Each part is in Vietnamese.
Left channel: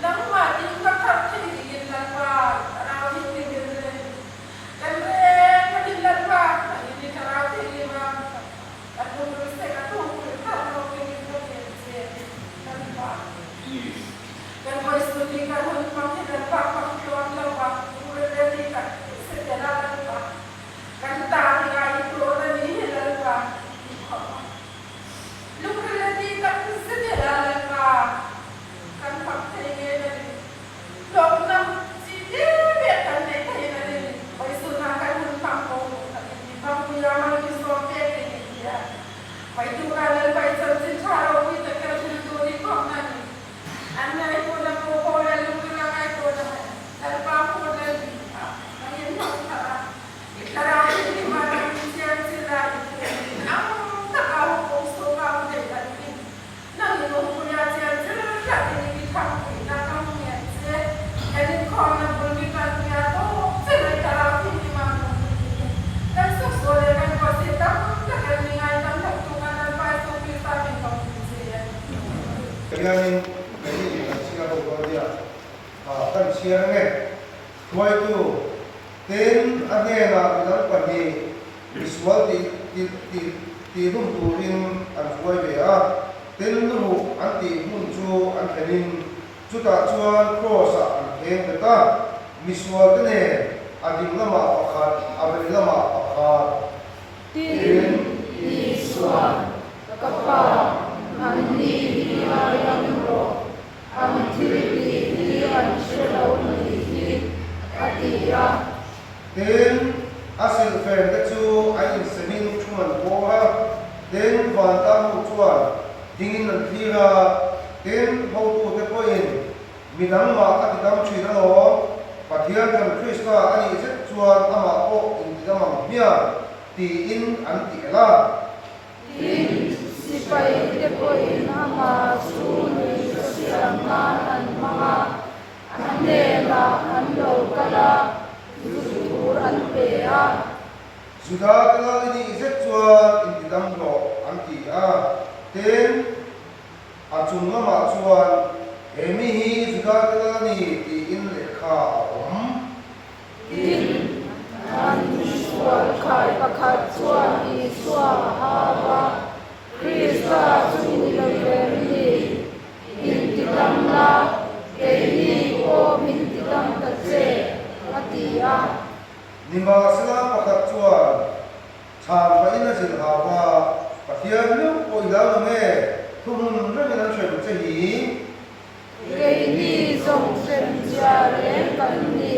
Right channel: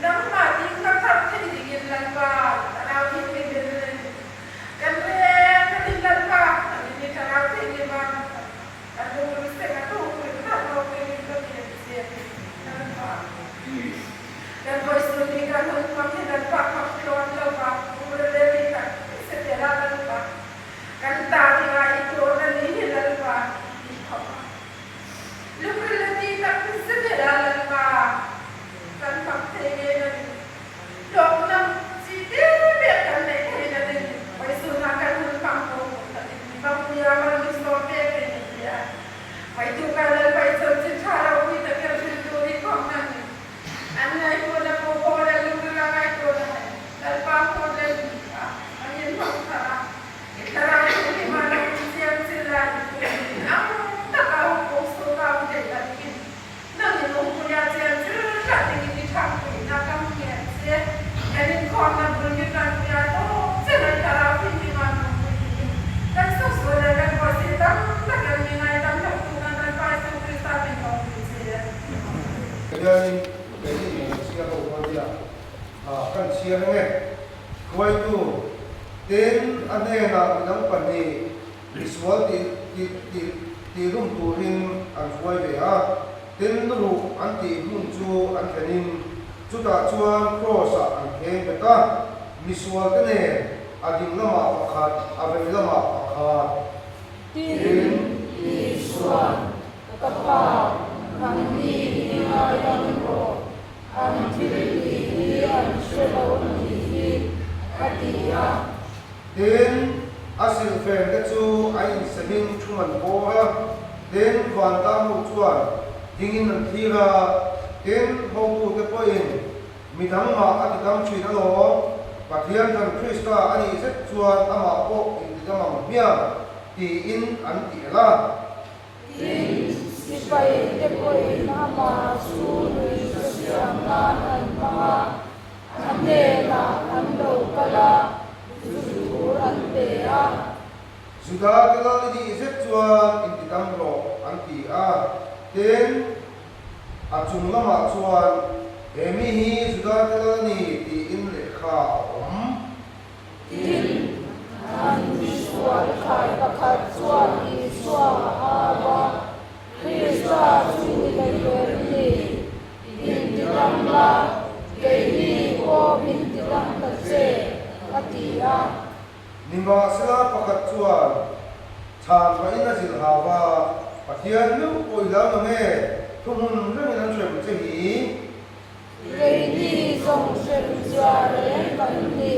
Nang mating kakap hindi lang pa quay tu tên anh em là đang quản lý visual thì luôn tu rin anh quay về tên lu anh thì muốn chu anh cái nên chu ta chuan cross anh khen về ta visual cái này anh đi làm mà khát anh đi làm mà khát tin visual kapal anh đi ayam ro anh đi anh selo ni atia tên asil phèn cái chu anh sẽ minh chu mình cố ha tên hoàn tam một chuan dingin ng tira tên hậu tu cái point mình thắng mà anh thắng truy nó lo và thiên thần Krista anh sẽ chuan ama o in cái mà mía thì in anh tỉ la tin sipai te koi nama su ni siam na an mga ane na an lo kala su an pe a sudah kalau ini sẽ chuan in cái đam lo anh tỉ tên achung lama chuan emi hi sudah kalau ni thì in lệ kha tin an visual khai pakhat chuan iswa hawa Krista suni lageni in tidamla kei o min tidam tatse atia Nimba sila pakat chuan chan pa ina sil hawa pathian lu oi la lo me thumun re me nan chwe che hi kei ni song sen ja le kan ni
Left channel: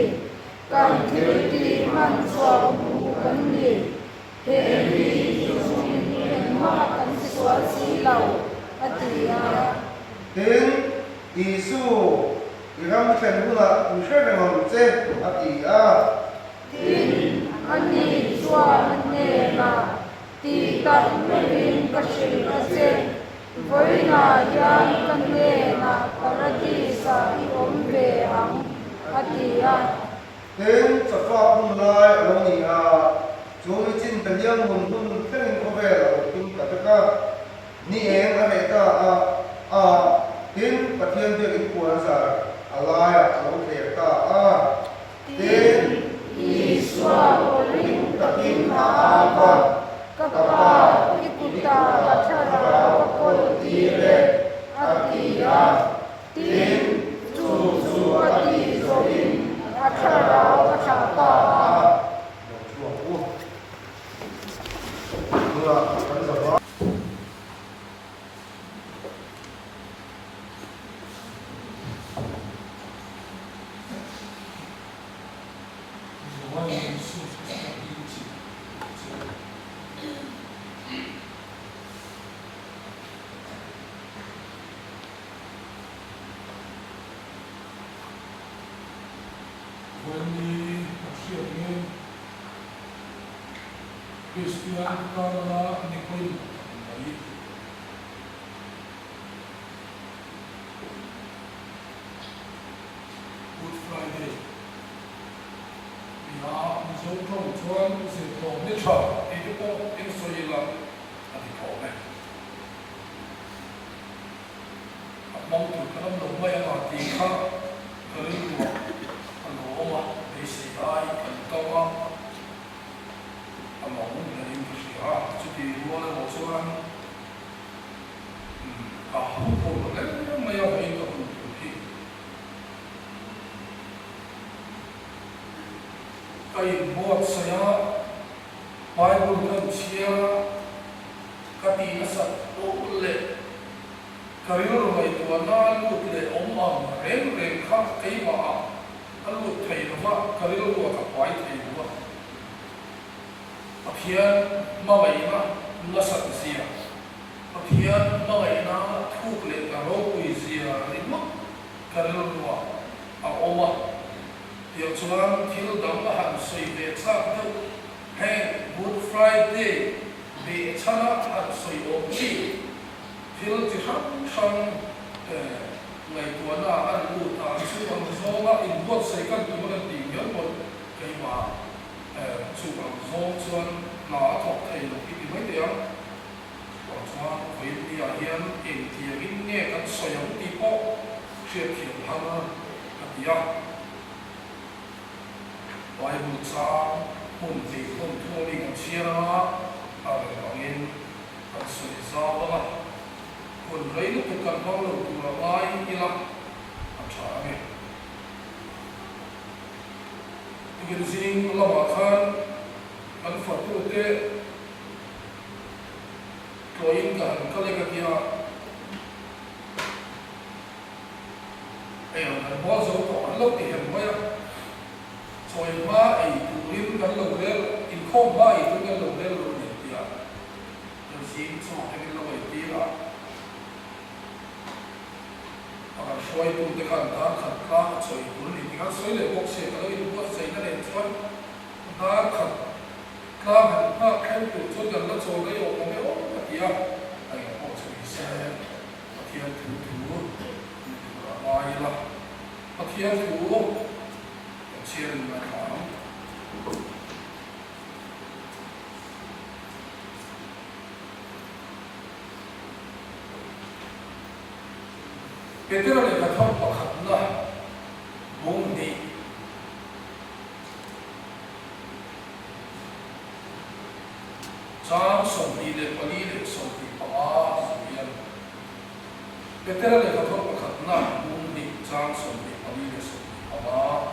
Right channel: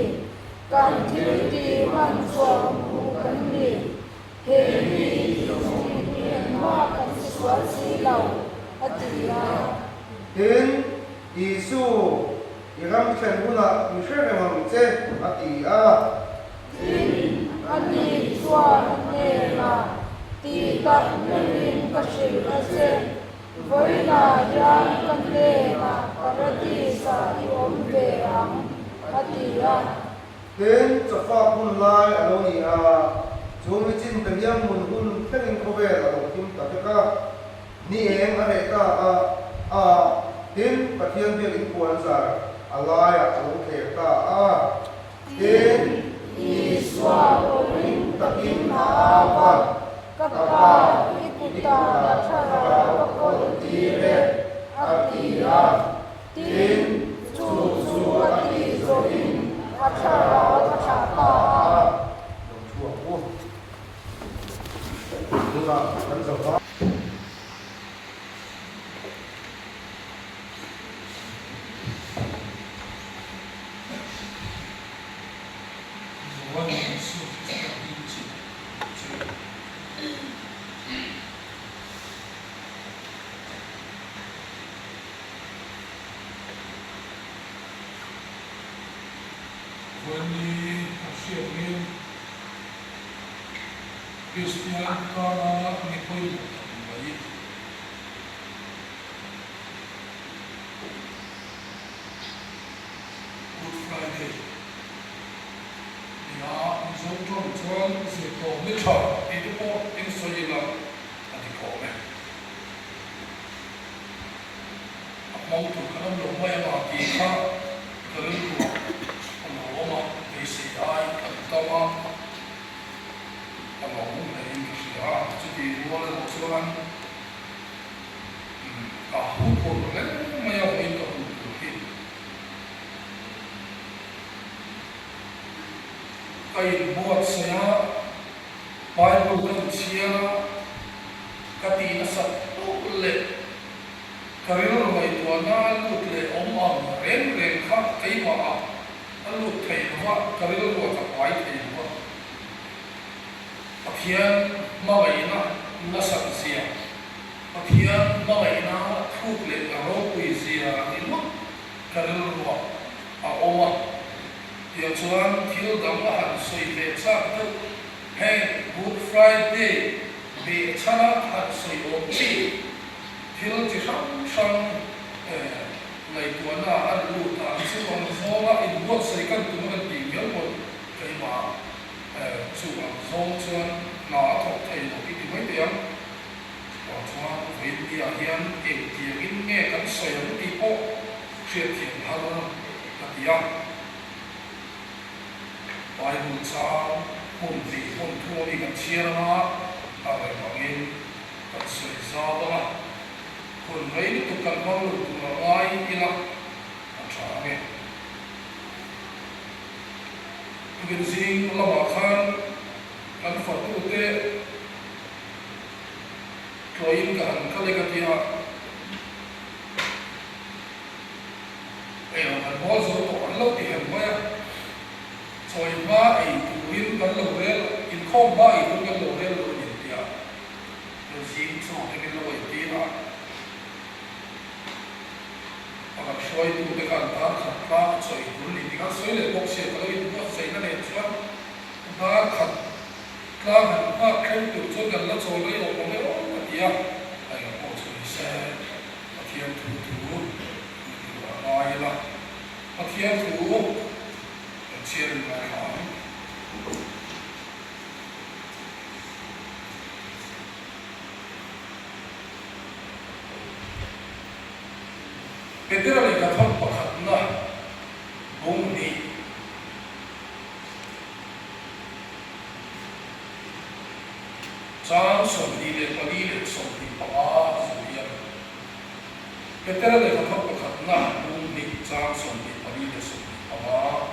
kan thil ti man chwa mu kan ni kei ni song hen ma kan swa si lau atia ten isu iram chen huna mi shwe me mam che ati tin ani chwa ne na ti tat merin ka shil ka se voi na yan kan le na parati sa om ve ang atia ten chafa hun lai alo ni chu mi chin pe liam mun hun thleng ko ve la kim ka ka ni eng a he ta ten pathian ve in kuan sa alaya alo the ta ten iswa orin takin hawa kapa ikuta achara wakol tire atia tin su ati zorin achara wachapa Christian Kara Nikoi Bayi Good Friday Ya Zong Zong Chuan Se Tong Ni Cha Itu Po In Soi Lam Adi Ko Me Mong Tu Kanam Long Mai Ma Ki Kha Karin Lu Ano Ma Ki Si Dai Kan Tawa among the English to be one of those one. Who told them? May have made of him. I bought Saya Bible and Sierra Katina Sat Karil Rai to Anna look the Oman, Ren Kat Kaiwa, and look Kaiwa, Karil was a white Kaiwa. Aphian Mavaina Nasasia Aphian Mavaina Tukle Aroquizia Rima Karilwa Oma Yachuan Kildamahan Soy Sato Hey Good Friday Be Chana at Soy Ochi Kil Tisham Sham like Wana Aruta Sivan Zola in what second to one Yon Kaima Suban Zong Chuan Na Thok Thầy Lộc Đi Mấy Tiếng Quảng Chuan Với Đi Hiên Em Tiếng Nghe Các Soi Hồng Đi Bộ Chuyện Thiện Hăng Các Tiếng Bible sang mun ti mun thu ni kan chia na a le bangin kan se za ba kun rei tu kan mang lu tu ai ila a tha me tu bin sing la ma khan kan fa tu te toin kan ka le ka kia e on bo zo to an lo ti hen moya soi ba ai tu rin kan lo re in khom ba ai tu kan lo re lo ni tia tu sing so ke lo ai ti ra agar soi tu te kan ta khat ka soi tu ni ti kan soi le bok se ka lo tu sai na le chuan ba khat ka ha khen tu chu kan lo chol le o ko me o ka tia ai ko soi se a thiam tu tu ai la a thiam tu chia mai khám Peter này là thông bậc hạnh na bùng đi trang sông đi để qua đi để sông đi pa sông Peter này là thông bậc hạnh na bùng đi trang sông đi qua đi để sông đi pa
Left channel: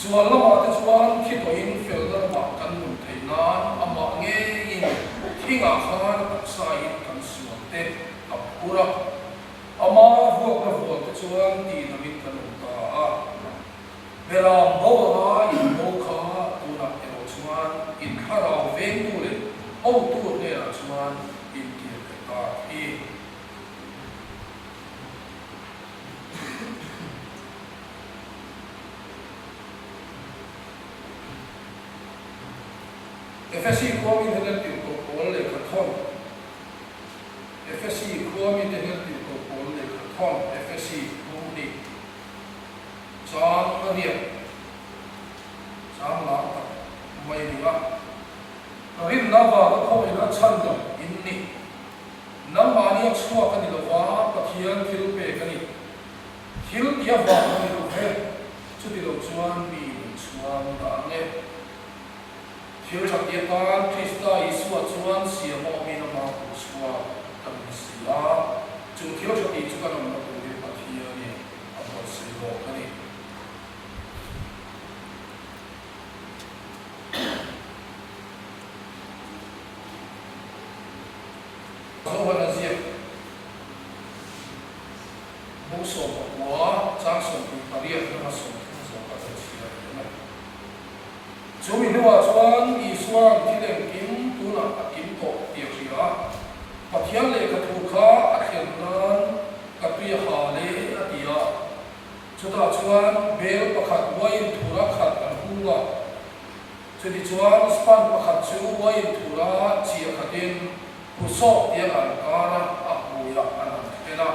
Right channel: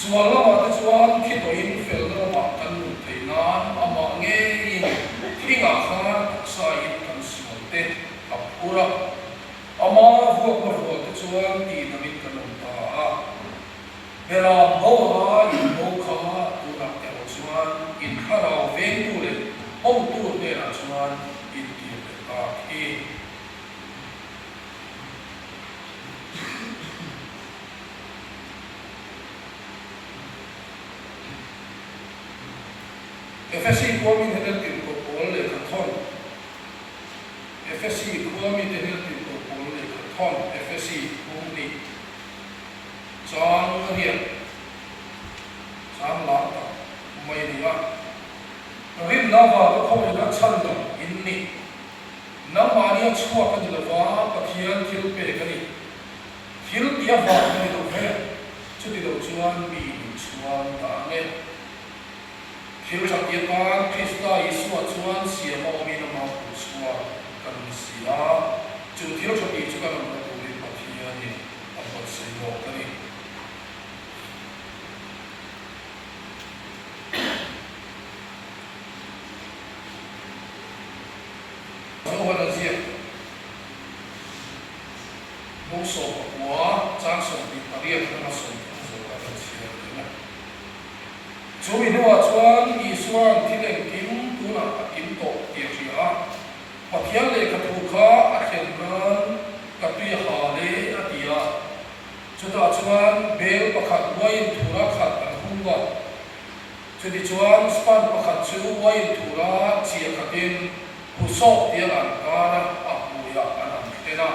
Sual lama tu sual kita in fel lama kan thainan ama nge in thinga khan sai kan sual te apura ama vuak tu sual ti namin kan ta bera bawa in no kha tu nak te sual in kharau veng tu le au tu ne sual in ti ta ki FSC kuami hedal ti ko pol le khathon FSC kuami hedal ti ko pol le khathon FSC kumni chang riya chang la ta mai nuwa rin lava ko na chan lo inni namani chua ka ni lo wa pathian thil pe ka ni thil ya wa ni lo he chu ti lo chuan bi chuan ta ne Hiếu sắc địa bàn Krista Yeshua chuan siam o mi nama Yeshua kan sia chu hiếu sắc địa chu kan nama tu le pathia ni amot se lo kan ni so wana zia bo so wa chang so bi paria na so ka sia ni Chú mình nói chuan Yeshua thì lên kim tu na kim to tiệtria mà thian lệ cái thu kha ở hiện nan cái tuy hà lệ ở tia chú ta chuan bel pakhat wain thura khat an hunga chú đi chuan span pakhat chú wain thura chia khatin hu so tia an kara a huya an an tena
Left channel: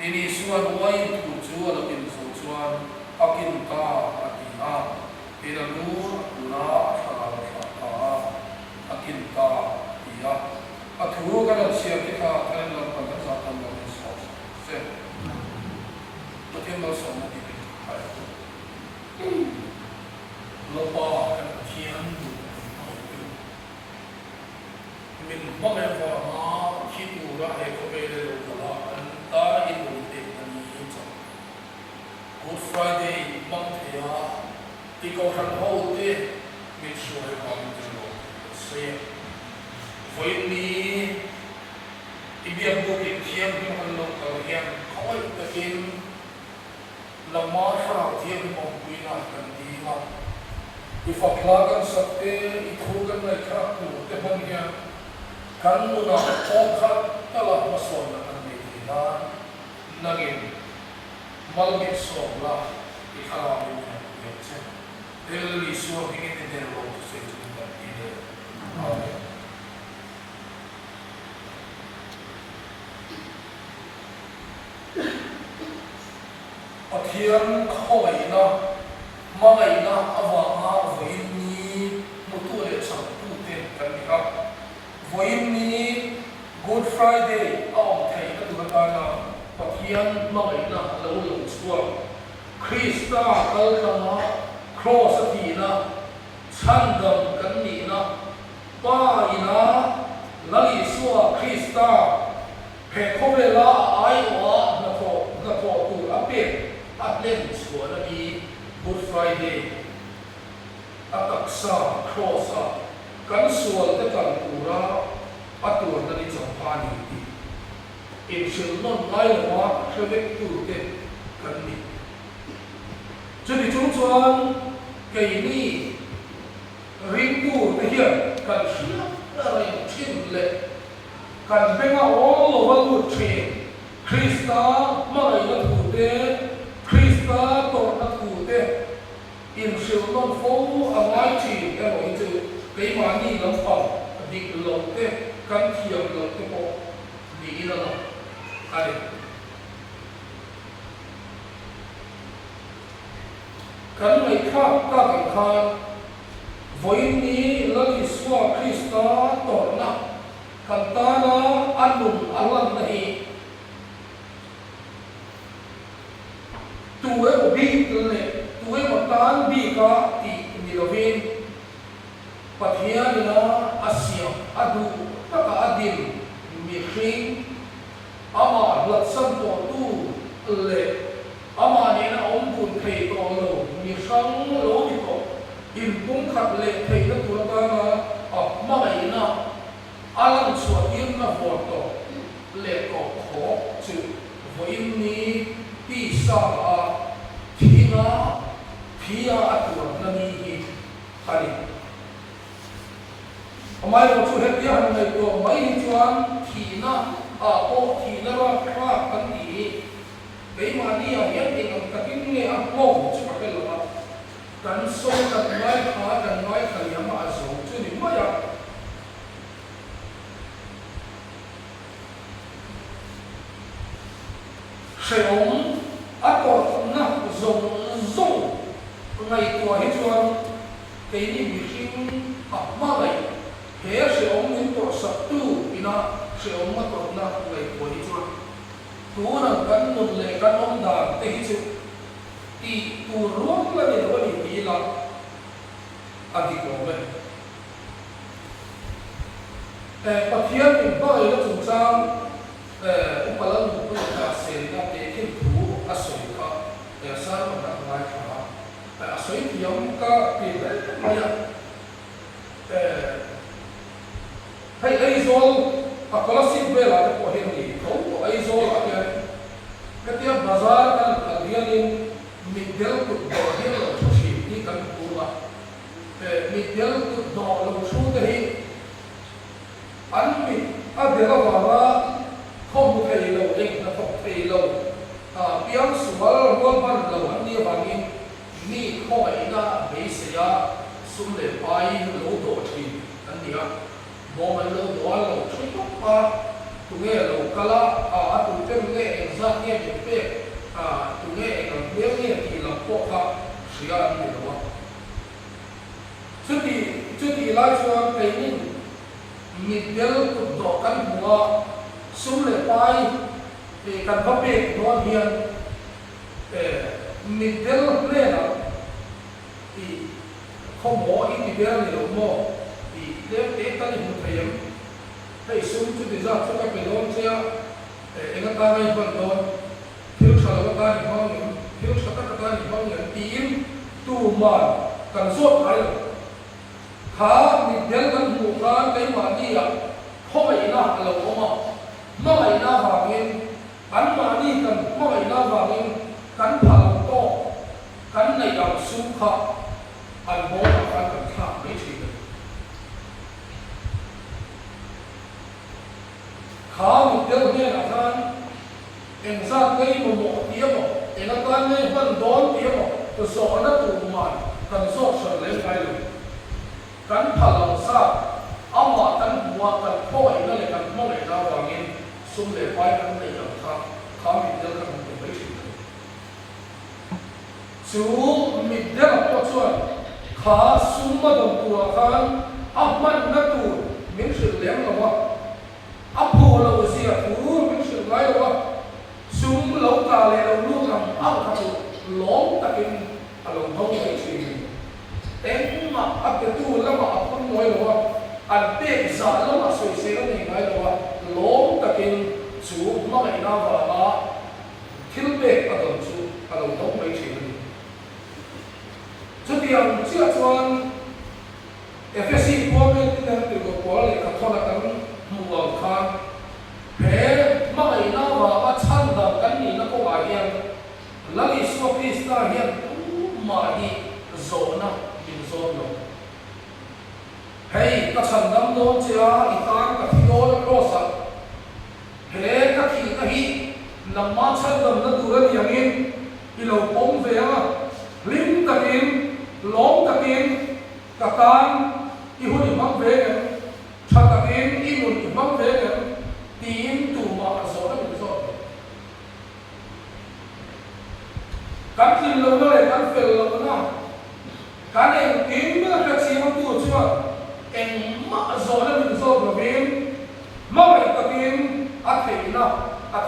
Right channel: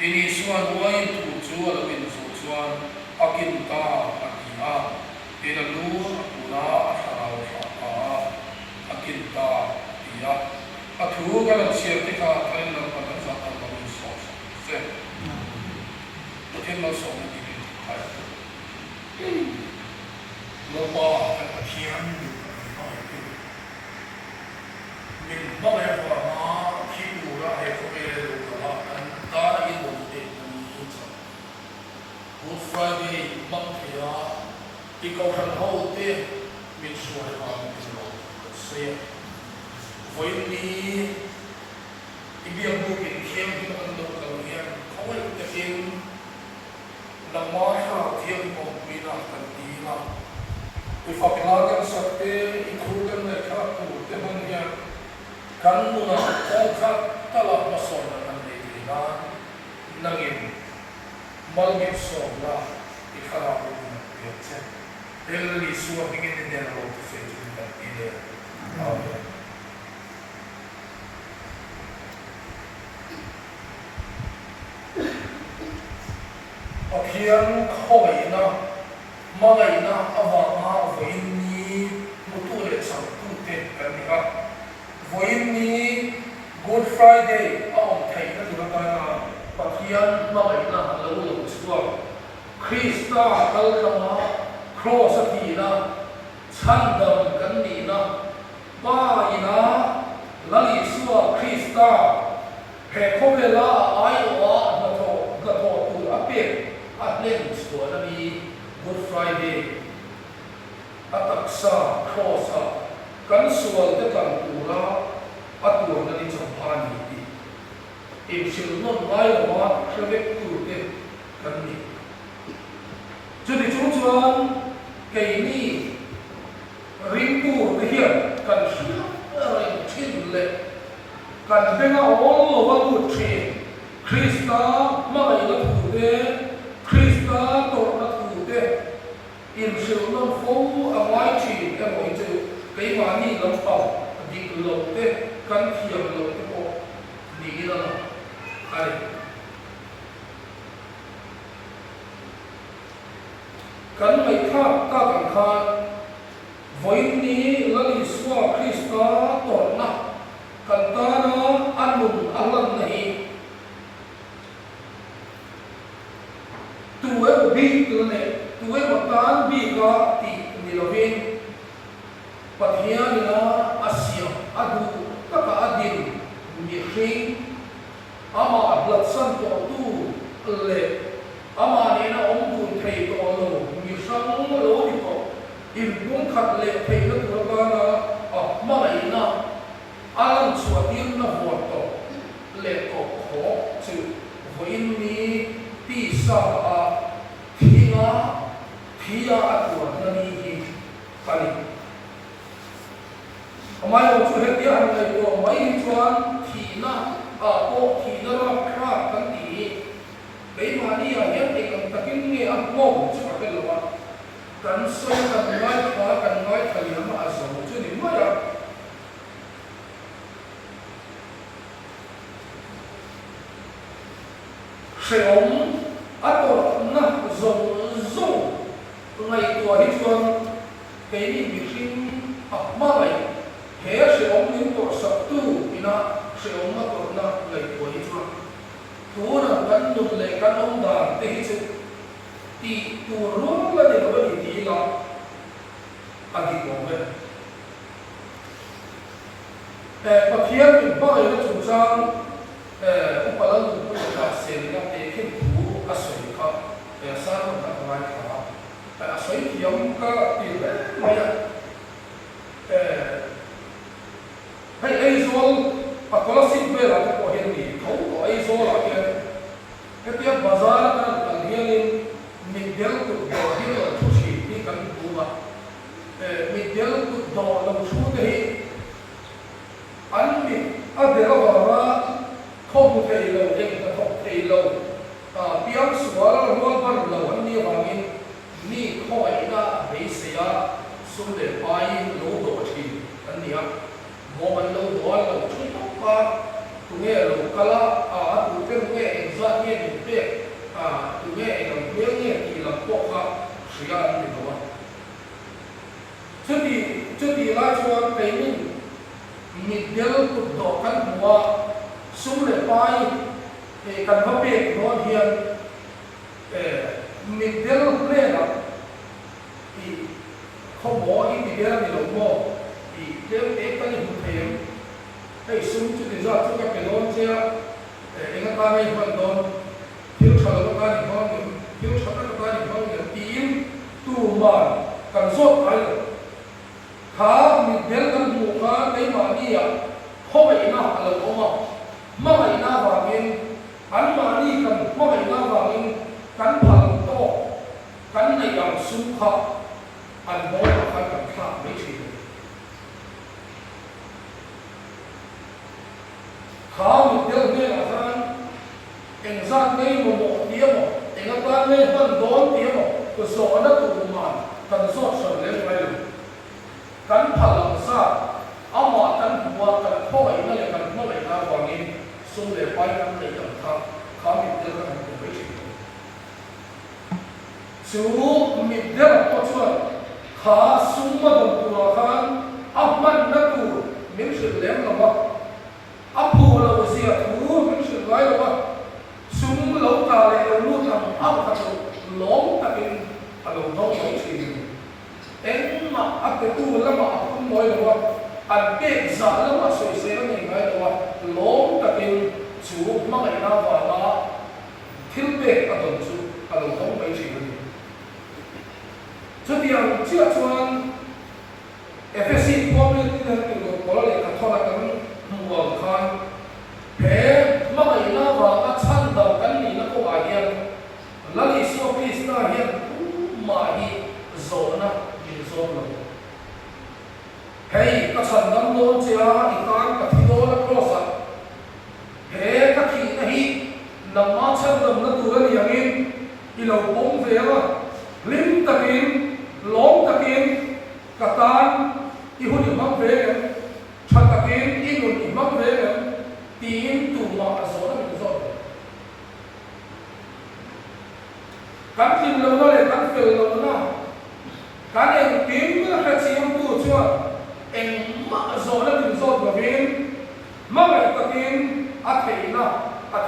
ini chuan wain thu chú a lo in so chuan akin ka atia ina lu na thara fa akin ta tia a thu ga lo sia ti kha thal lo ka na za tam lo so se to thêm lo so na ti hai lo pa an thian min ba le fa na thi tu ra hai ko be le lo ka an ta in lo te na ni cha Good Friday bang thea ti ko han ho te min suai ha min lo se voi ni ibiam bu ki thiam ki an lo ka hian khoi ta in la ma ha thiam mo wi na kan ti ma ki fa kla kan sakte I khu kan na kha tu te hon hian kan mu na o kha ta la ma so na kan ni na nagin mal ge so la I khala bu ni che Ele sua que entender o que fez da vida. Amém. Akhian khoi na mai na awanga voin ni mutu le sang tu te kan ni ka voin ni Good Friday aom thai na tu ka na akhian mai na lo lo sua Krista kal ka cross chan dam kan ni na pa ina lali suwa Krista he khobela ai wa na to tu ape atlen suwa na ni Good Friday ataksa cross kan suwa te kan pura atur na ni champani ti in shil non lai wa khwek tu te kan ni jadi chuan cái ni ringku te hian kan hian chin le kan benga all over good tree Krista mai na tu te Krista to na tu te in shil non fo awai chi ka moi chu cái mà ni lam pau dik lo te kan thiam lo te po ni na ai kan mai kha ka kan kha voi ni lali suwa Krista to na kan ta na anun alan nahi tu e bi le tu e tan bi ka ti ni lo vin pathia ni na asia adu ta ka adin mi khing ama blood san to tu le ama ni na om kun thei to lo mi sang lo ni to in bung khat le thei na tu ba na ma mai na alam chua tin na vo to le ko kho chu voin ni ti sa a thina thia atu na ni hi khali amai lo chu he ti han ngai to mai chuan thina a ko thina ra kha kan ti cái mà đi ở hiện thì còn cả cái nghề ăn uống chứ mà cái là cần soi cần nói thời điểm mà sống chứ nếu mà vậy sử dụng ăn uống nó dùng ngày của hết chuông cái gì bị sinh học mà này thế sử dụng những tổ sập tu thì nó sử dụng mà tổ nó ngày của hết chuông tu na kan nut le kan om da te hi chu ti tu rom la de ba ni ti la adi ko me pathian ni ba le chu chang upalan ku ka se na te kin tu asoi kha sa na ba kha asoi ti yam ka pi le ma ya hai ai zol a kolasik be la ko hen ni thau to ai zol la ke cái bazar kan alhialin midyal ku do hial la thushi ni kan pula midyal ku do la thu te hi an mi adela wa khom thei lo ek ta thok thei lo piang sual rol ban lo an ni wangin ni khoi na be se ya sum le pai lo do thi an ni a mo man lo do lo thu to pa tu nghe lo kala tu ke nghe exact nghe pe tu nghe ang nghe nghe thì làm po ha sia ni lo chu ti la chuan pe ni mi del ku do kan huwa sum le pai pe kan ba pe no hian mi del le na i kho mo i ti del ni lo mo i del te ta ni hu thayam hey sum chu ti za chu ka pe don che enga ta mai ban don thiếu sala ka ni hon ni thiếu sala ka ni hon ni tim tu ma kan so ai ha mi del kan bu ka kai ma ni ya ho mai na ala lo ma mai na wa min an ma ni kan ma mai na wa min kan phal to kan nei yang sum kha an mo kan kha mai chi khao một điều này là sao? Anh ra cái một tiếng mà, anh ta nói hơn 4 tiếng mà, cái số nó tụ mà, cần số sở lên cái, cần phật lòng sa, ama cần mua cần thôi, nó lại cần mua lại ra hoàng in, xung lại bay cần để làm sao, khao một điều cần để mấy chuyện. Chú mình điều là tốt chuẩn, khá xung mà đồng tuổi khang, man nó tụ, mình sự lém là what? Apu la usia tu min su lai wa sum lo ta le lo lu am au ka chu long ta kin a lo ho mai chi ten ma cái tu lama cũng nói là anh biết giả lama soi sẽ nó này nói là lom ta kinh chú mà ngày nào vào đó thiếu biết ở đồng chú ở đồng thống mấy chuyện này cho tiền chưa choan FSC có nên tin là cái có là cái thọ là cái mua khang thế mà ngày nào vào đó chăn đồng cái này nó có ai hiện là đi shopee star hiện mà đi zona in zona hey các sản phẩm đó chia ikan các đồ là cross hey các khi nằm mát sản phẩm nó tụi nó đi ăn lâu bóng về mà lim takin lom takin katan ihun imam về cái chặt takin ihun imam về cái tin tụ mà zona in zona các tin lâu này các phèo lâu na cái này tiếng nó hay chỉ không tu chưa em mà zona in zona về mà cái takin thấy na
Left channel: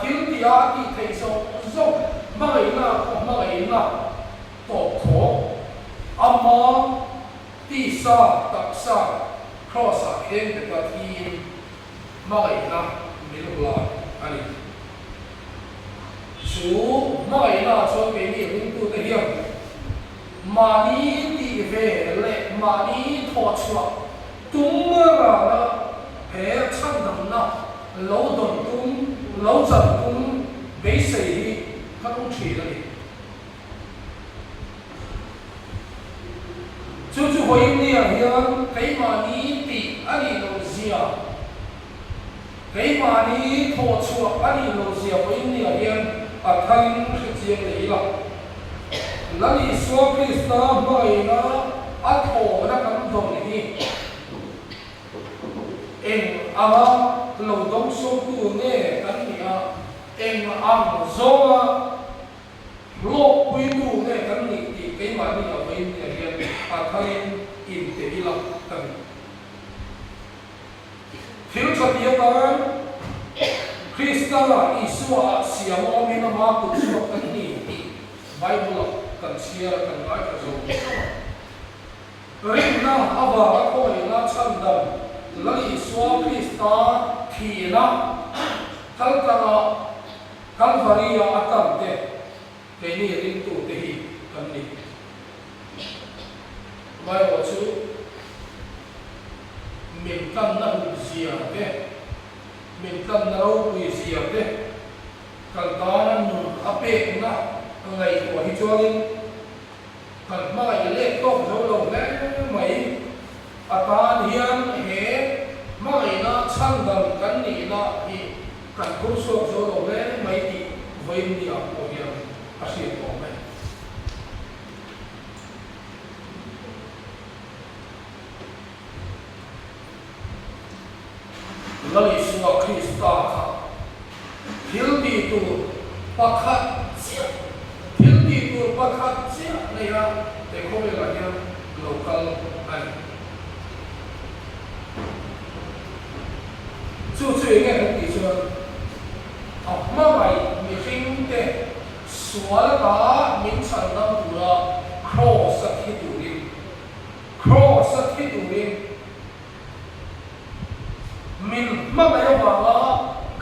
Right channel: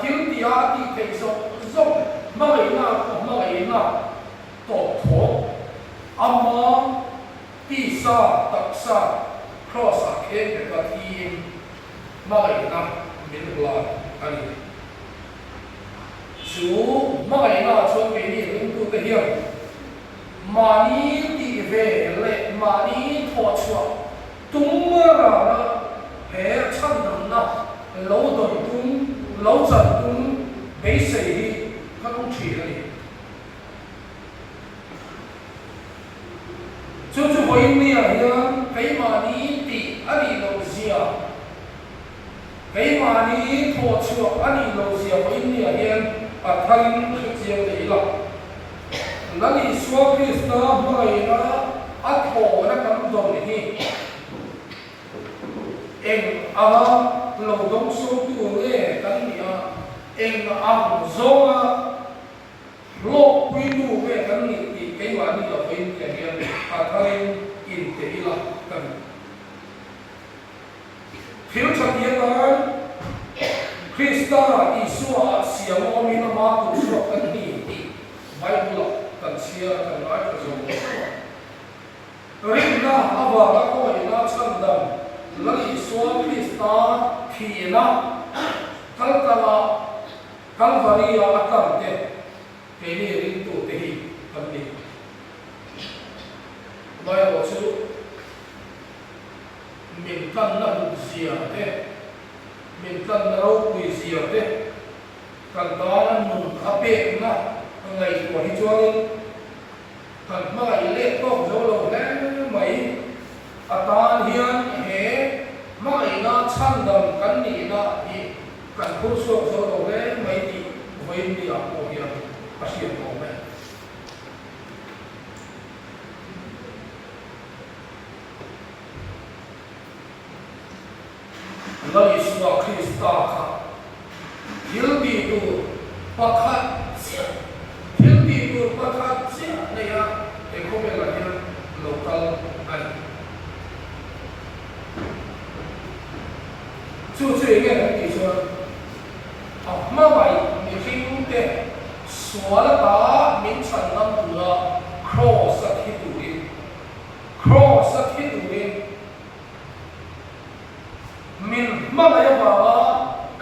thiếu tia thì thấy sâu mà cái na tổ khổ amma ti sa tak sa cross a khen để mà thi mà cái na mình là anh chú mà cái na cho mình đi cũng tu cái hiểu mà đi đi về lệ mà đi thọ chua tung ra hệ chân đồng na lâu đồng tung lâu dần tung bế sĩ không chỉ là gì chú hỏi mình là cái mà đi thì anh đi lâu gì cái mà đi thọ chua anh đi lâu gì hỏi mình là hiện ở thân cái gì đấy là là đi xóa Krista mai na at thọ na cảm động này em lâu đông sâu tu nghe cái gì em ăn zona lô quy tu nghe cái gì thì cái mà đi ở bên nhà hiện thay in thế là cái thiếu cho biết là Krista Isua siêu ông na ma tu so cái gì Bible cần chia cần nói cái gì Rina ava các cô ấy là chân đồng lagi Isua Krista thì nó kalkala kalvaria atam te ini rintu tehi kami mai wasu min kan na zia te min kan na rau pui zia te kalkalan mun ape na ngai ko hi chuangin kan mai le to zo le mai atan hian he mai na chandam kan ni na hi kan kurso zo lo le mai ti voi ni a ko hian asia ko me lali suwa Krista kha hilbi tu pakhat sia hilbi tu pakhat sia nei ha te ko me la hian local ai chú chuyện nghe cái gì chưa? Học mà vậy mình khi cũng thế, xóa là ta mình sản năm vừa cross at hit urin, mình mà vậy mà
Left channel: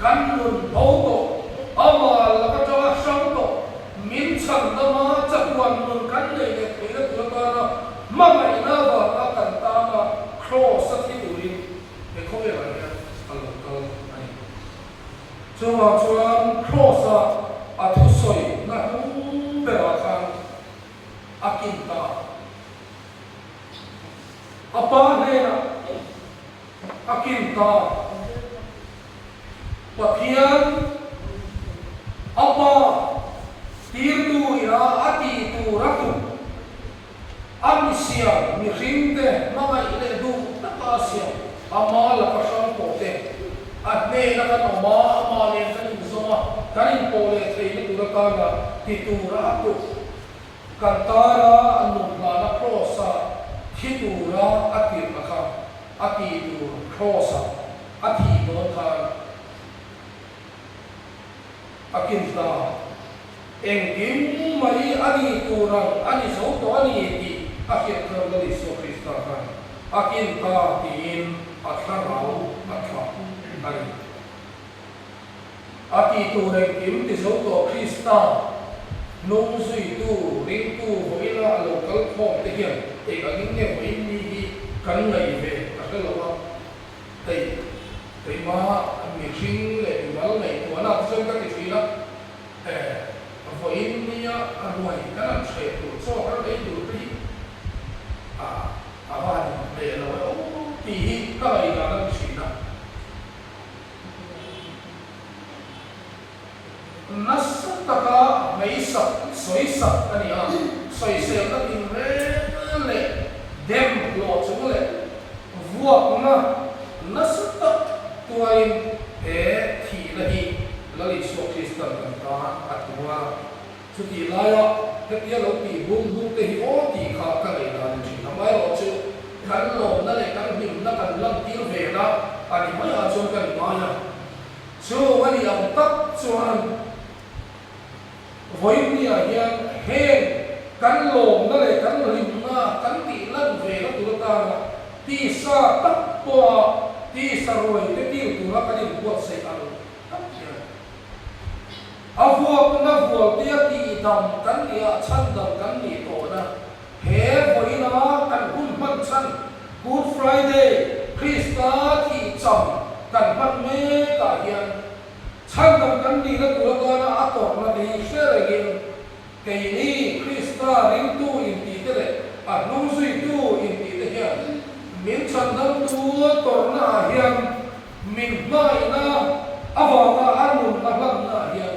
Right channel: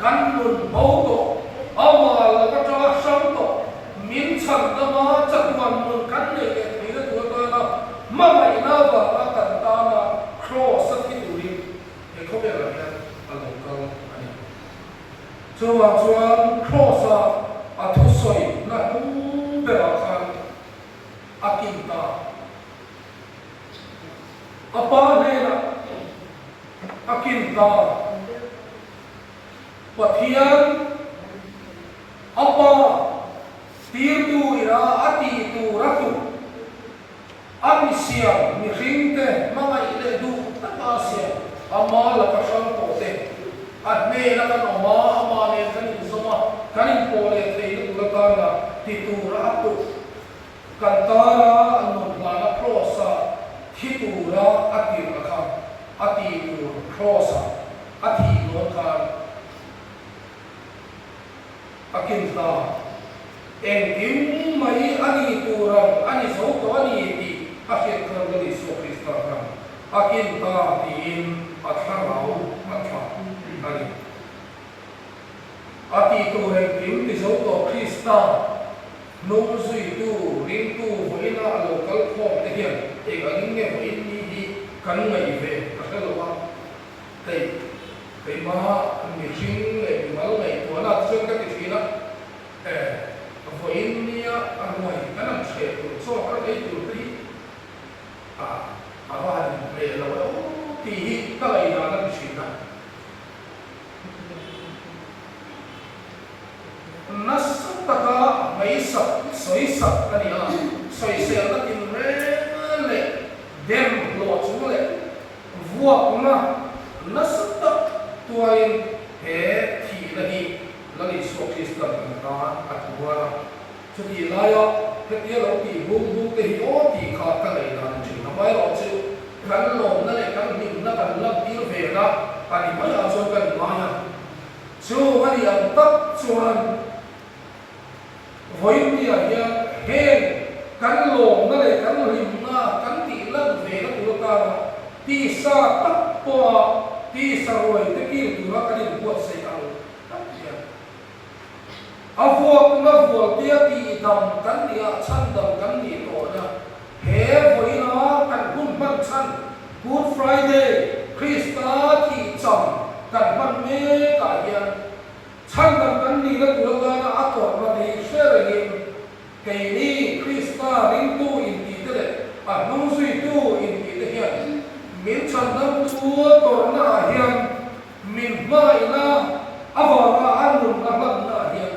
gắn luôn bầu tổ, ama là các cháu sống tổ, mình sản năm mà chắc quan luôn gắn này để thấy được tụi ta là mà vậy nào và ta cần ta là cross at hit urin, để không biết là so ang chuan cross a thu soi na be a khan akin ta apa ne na akin ta pathian apa tir tu ira ati tu ratu ami siam mi ringte ma mai le du ta siam ama la pasang ko te at ne na kan ama ne kan zoma kan po le thei ni tu ka na ti tu ra tu kan tara anu na krosa ti tu ra ati ra kha ati tu krosa ati no kha akin ta en din mai ani tu ra ani so to ani ti akhir kan ga so Krista ta ka akin ta tin atharau atha ani ati tu he kim ti zo to Krista nung sui tu ring tu hoina alo kal khom te hian e ga ngin nge in ni hi kan ngai ve ka ka lo wa tei ma mi jing le mi mal ngai tu na chen ka ti na vo in ni a anoi kan che tu so ka dei tu tri a ba ni le lo ti hi ka lai na na chi na nasutaka mai sap soi sap ani a soi se na tin re le dem lo chu le vua kuma nasuta tuain he thi la hi la li so Krista kan ta atwa chu ti la yo ke ye lo ti bung bung te hi o ti kha ka le na chi na mai lo chu kan lo na le kan ning na kan lam ti ve la ani mai a chu kan ma ya chu ani a tak chuan với nhà nhà hên cắn lồng nó để cắn lim na cắn tỉ lân về nó tụi ta tỉ sa tắc qua tỉ sa rồi thế kia tụi nó cái điểm buộc xây tăng áo vua nó vua tia tỉ đồng cắn tỉ chân đồng cắn tỉ tổ na hễ với nó cắn hun bận chân Good Friday Krista tỉ chậm cắn bận mê tại hiện chân đồng cắn tỉ nó tụi ta nó áp tổ nó đi xe rồi kìa cái này Krista ring tu in tí thế à nung suy tu in tí thế hiện miễn chân năm chúa còn na hiện mình mai na ava na anun avan na hiện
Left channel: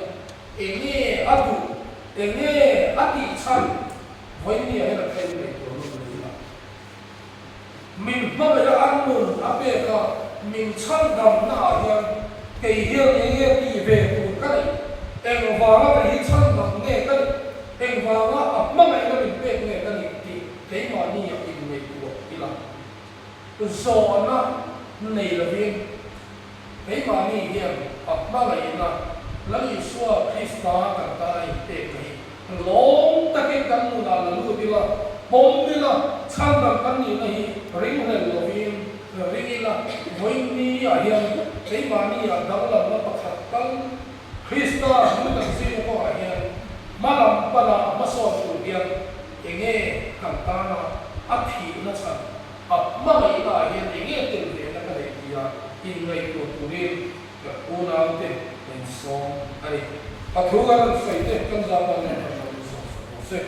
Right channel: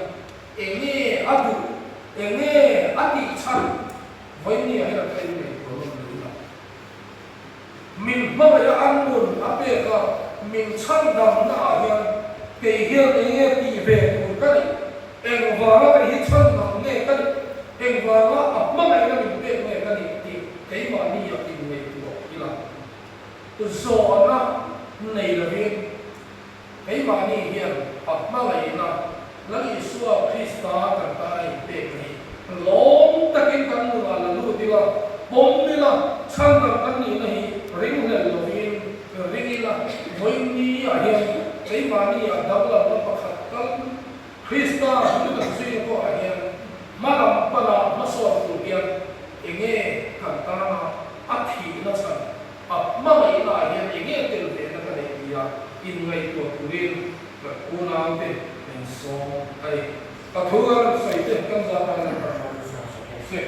enge adu enge ati chân với ni hay là cái này của mình mai là anun ape ka mình chân đồng na hiện cái hiện enge tí về của cái em vào cái hiện chân đồng nghe cái em vào nó mà ngày nó mình biết nghe cái gì thì mà đi ở bên này của đi làm cái gió nó này là viên cái mà đi hiện mà ngày nó lấy xua Krista cả ta này để này lom ta cái căn là lu đi là bom đi là chân là căn gì này ring này là viên ring là với ni ở hiện cái mà đi ở đâu là nó bắt căn Krista nó là gì của hiện malam pala masor tubian enge kantama athi na san mama ila hian enge tel ve na ka dia in ngai to turin ka una te en song ai pathuga sai te kan za pa na ka so se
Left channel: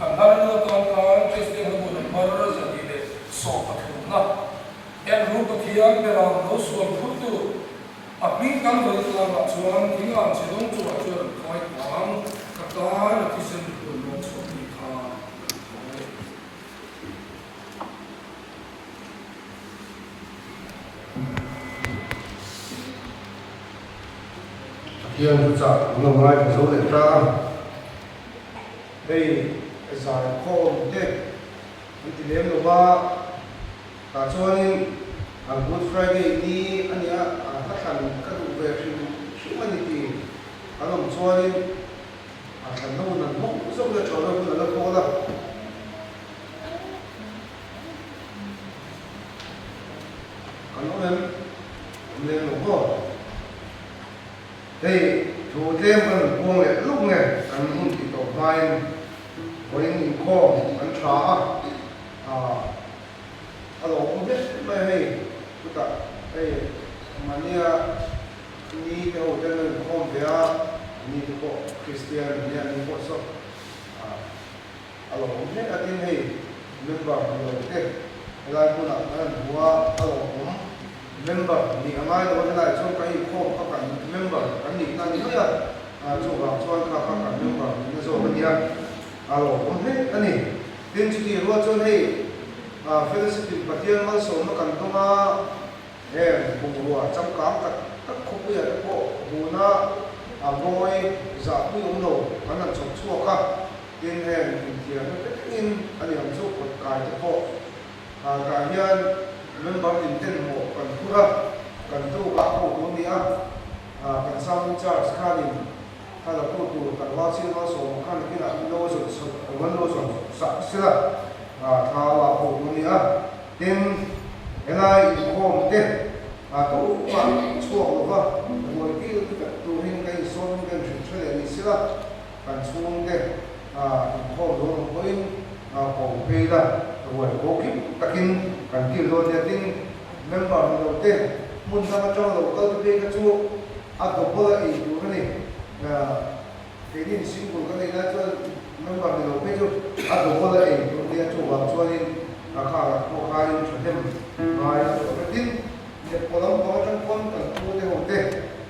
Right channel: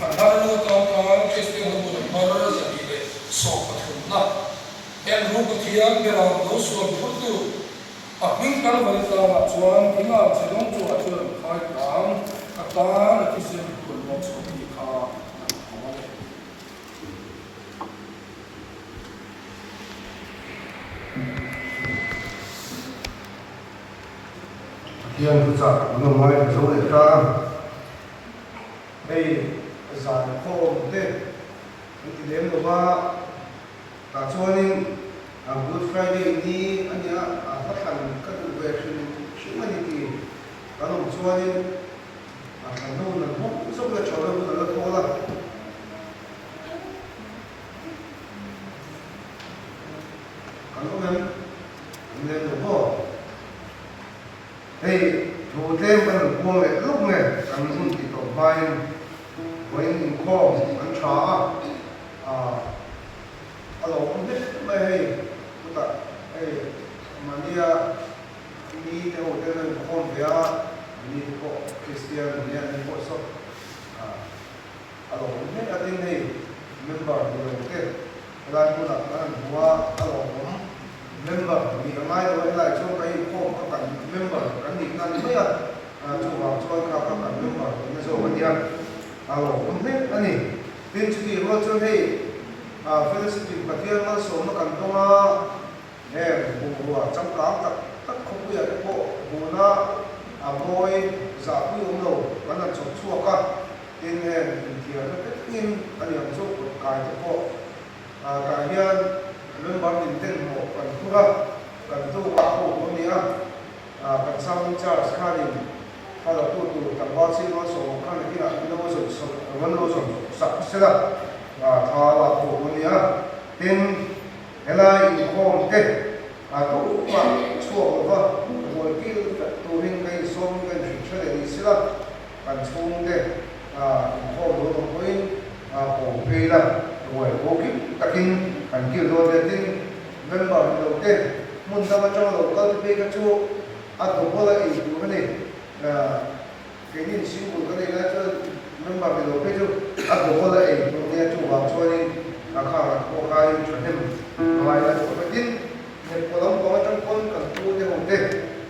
andar no ka ka cheste ho mo mar za ti le so pathuna en ru ko thian be ra no so phurtu apin kan bal ta chuan tinga chedong chu a chu khai kam ta ki sen kun mo so ti kha hiền giả ngồi ngoài dấu để ra đây giải khô thế thì đến lúc mà cả cho nên Good Friday đi anh ấy phát hành các vụ việc sự anh thì cả đồng cho nên thành thông là hút giúp cho trò là thua rồi còn có nên đúng không đây thủ thêm phần buông lại lúc này anh không chỉ có vai với những kho anh chó alo không biết đây chúng ta đây mà như ni theo cái này không biết ni có Christian ni có số alo không biết ở đây này member nhiều cái là cũng là anh mua alo cũng member ni mai đó là cho cái không có cần member anh định làm gì à cho vào cho các member như số bên kia alo không biết anh này tin chỉ là cho này Felicity Pathian mang số mà cần tonga em bùa trong cám tất không biết cái bộ bùa na môi giả quy ông đầu vẫn là chọc chua cả tin em thì nó tất in anh em chụp một cái bộ cái hiện lên bằng tin tên một cần thu ra cần thu các bộ cũng nhá cần sang Charles Khalin hay là tu tặng hoa chiên mang số khăn kia nó rồi vẫn rồi sắp sẽ là thà là bộ rồi cố kịp takin cần kiểu đồ để tin nên bảo mình đầu tiên muốn ta mà trong đầu ta thì bây cái chỗ à đồ bao là ý đồ cái này là cái gì xíu của cái này là cho nên bảo mình đầu tiên chỗ à đồ bao là ý đồ này chỗ vào cho nên là khá là cố khai cho thêm mà là chỗ cái tin nhập vào đó có trong con cần tu theo hồng tên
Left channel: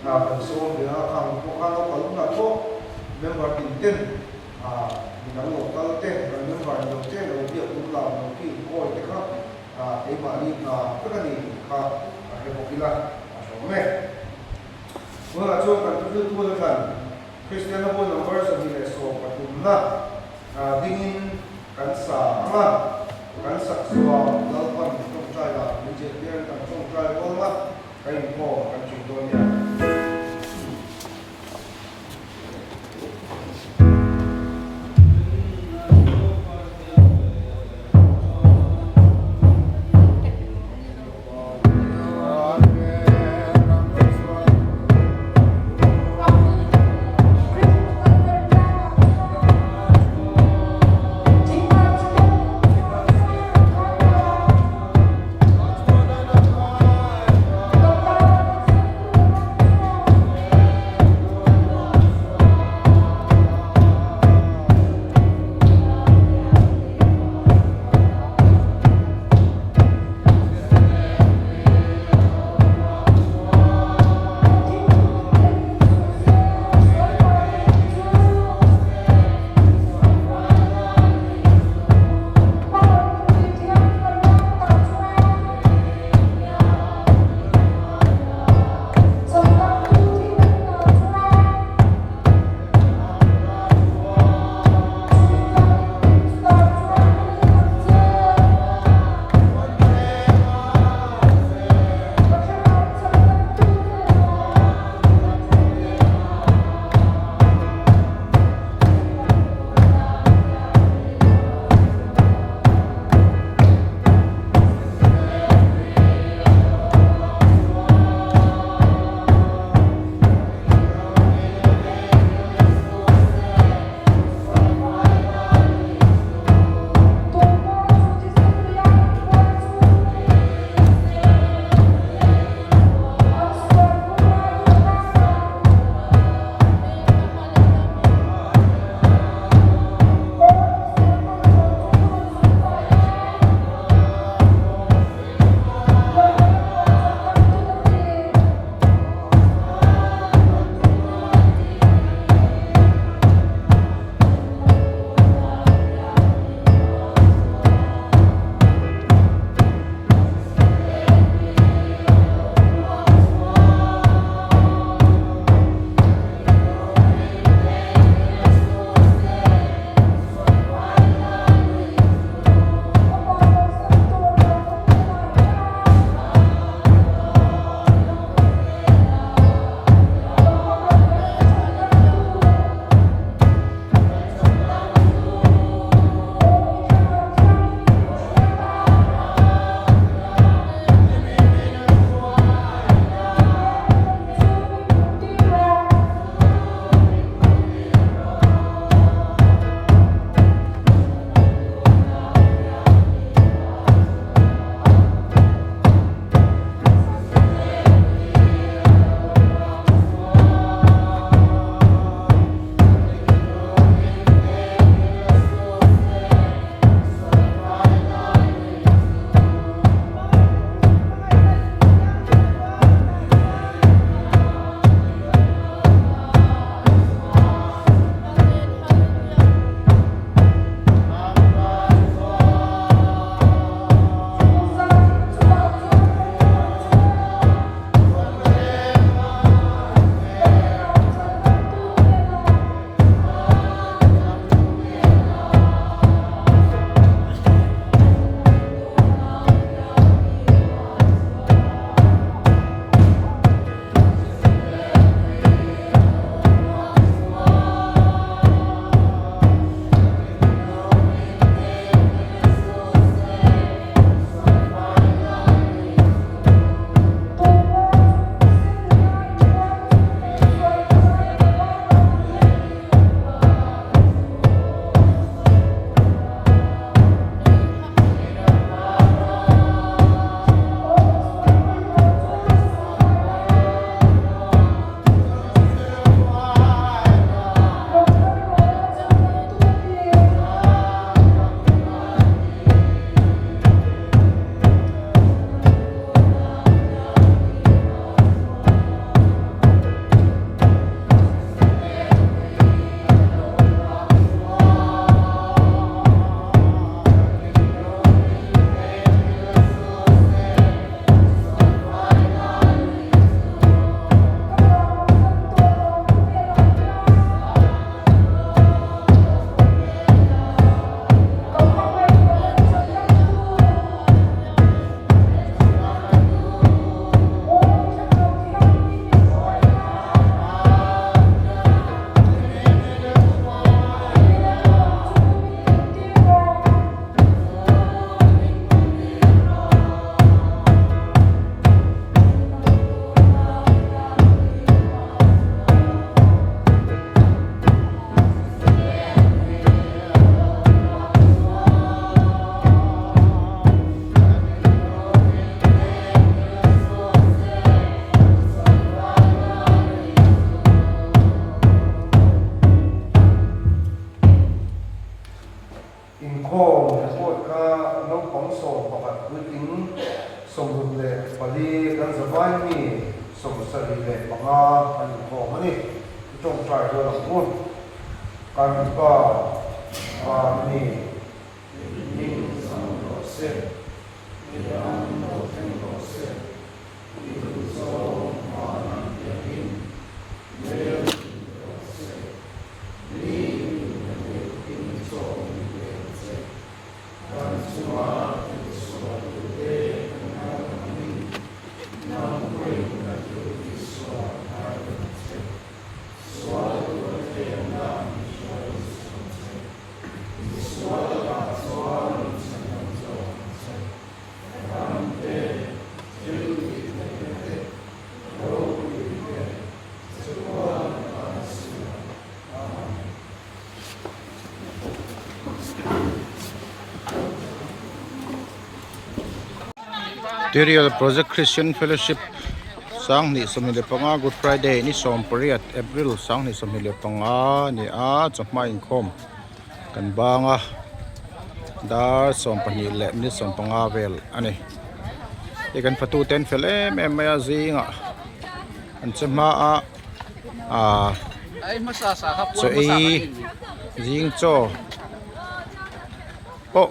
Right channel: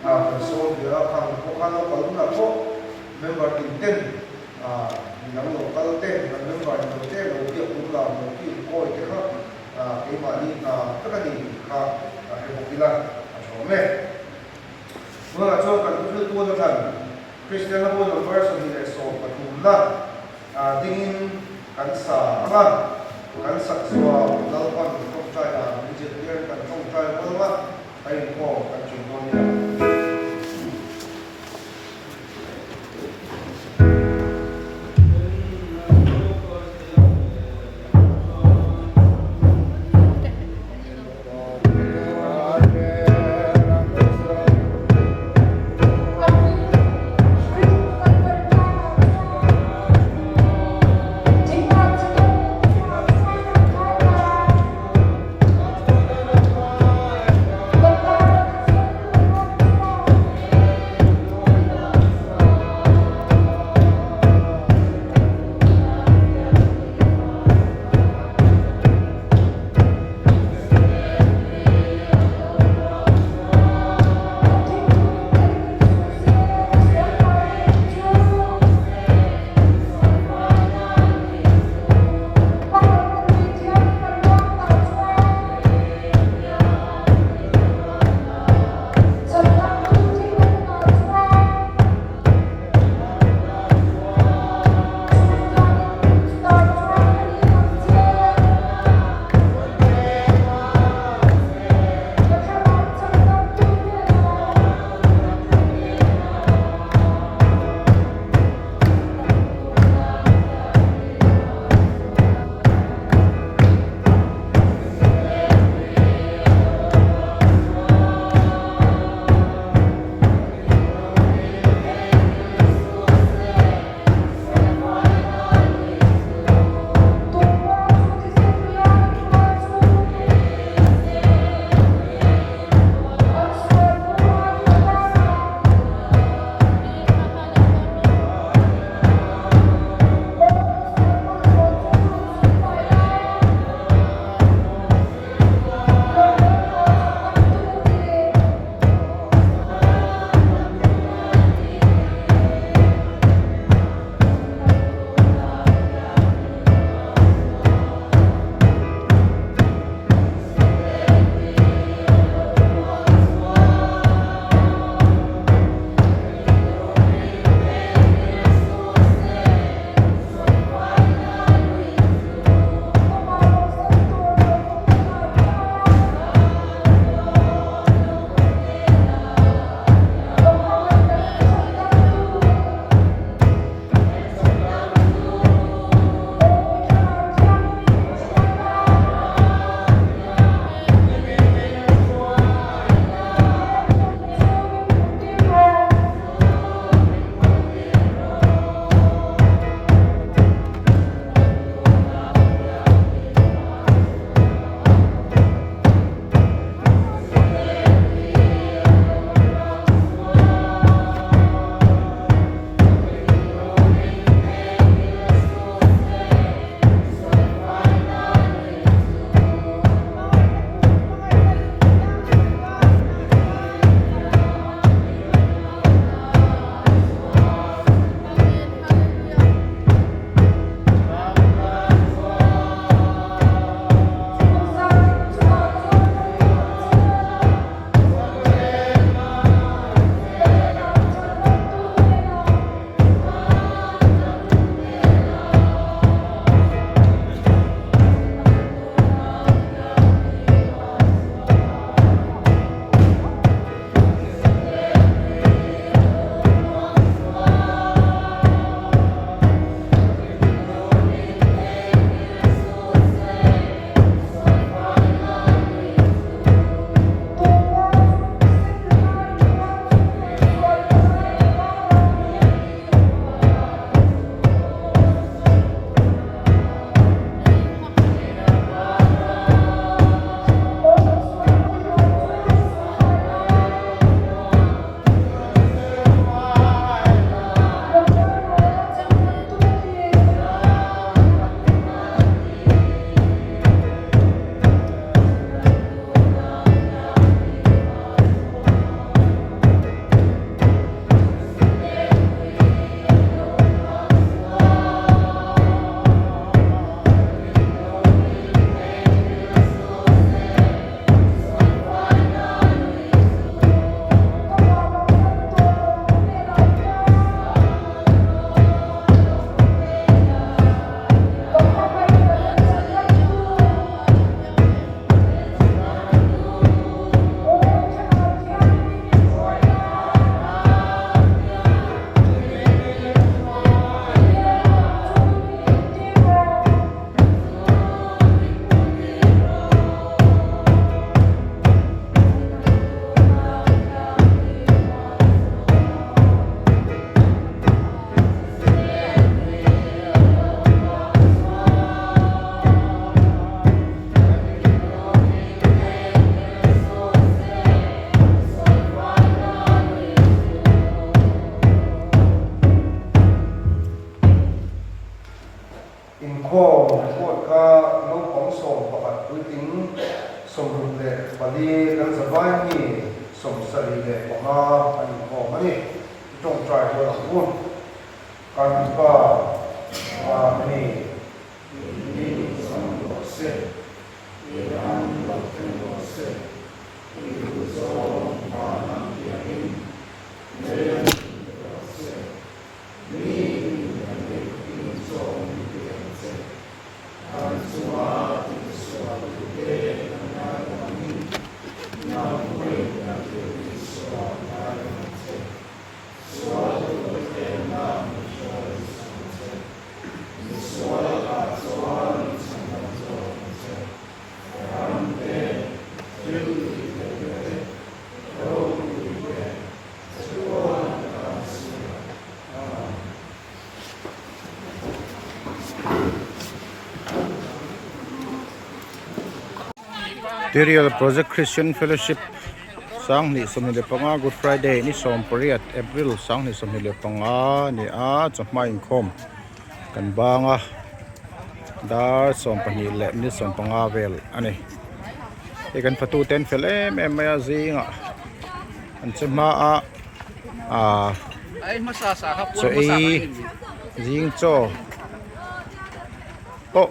à phần số thì là khá cố khai nó có lúc là tốt nên bảo tình tin à nó một cái tên là những loại đầu tiên đầu tiên cũng là một cái coi cái khác cái mà đi tất cả những cái hay một cái là số mẹ มื่อช่วงกันคือตัวกันคริสเตียนบุญของพระสันติเลโซปฐุมนะดิ้งกันสาละกันสักสวาแล้วก็ต้องใจละมีเจดีย์กันต้องใจวันละให้พ่อกันจุดนนท์ Hãy subscribe cho kênh Ghiền Mì Gõ để không bỏ lỡ สมรุนเลยพอดีกันสบายนี่สมสรีเลยประมาณอันของมันนี่ต้องใจตัวหลังรุ่นการก็นี่นี่สมรสเสียนี่อันเราเป็นรสเสียนี่คือสมมานังยานินี่รสเสียนี่นี่สมเดียนเสียการสวาสวาดุเดนามินาเวนาจุติสวานาเสียสวาดุเดนามิชาเสียสวาสวานิสันโตเสียรัมเตจุติเดโรติเดสวานาสวาMaterial Project Christian Fellowship sang ni somnile panga Good Friday ni som period April sang ni somnile panga ni a chama inkhom kan banga dar som pani le ni som panga vel ani e kan patu ten fel em maya zinga an chama a ai masasa ka so e zing cho po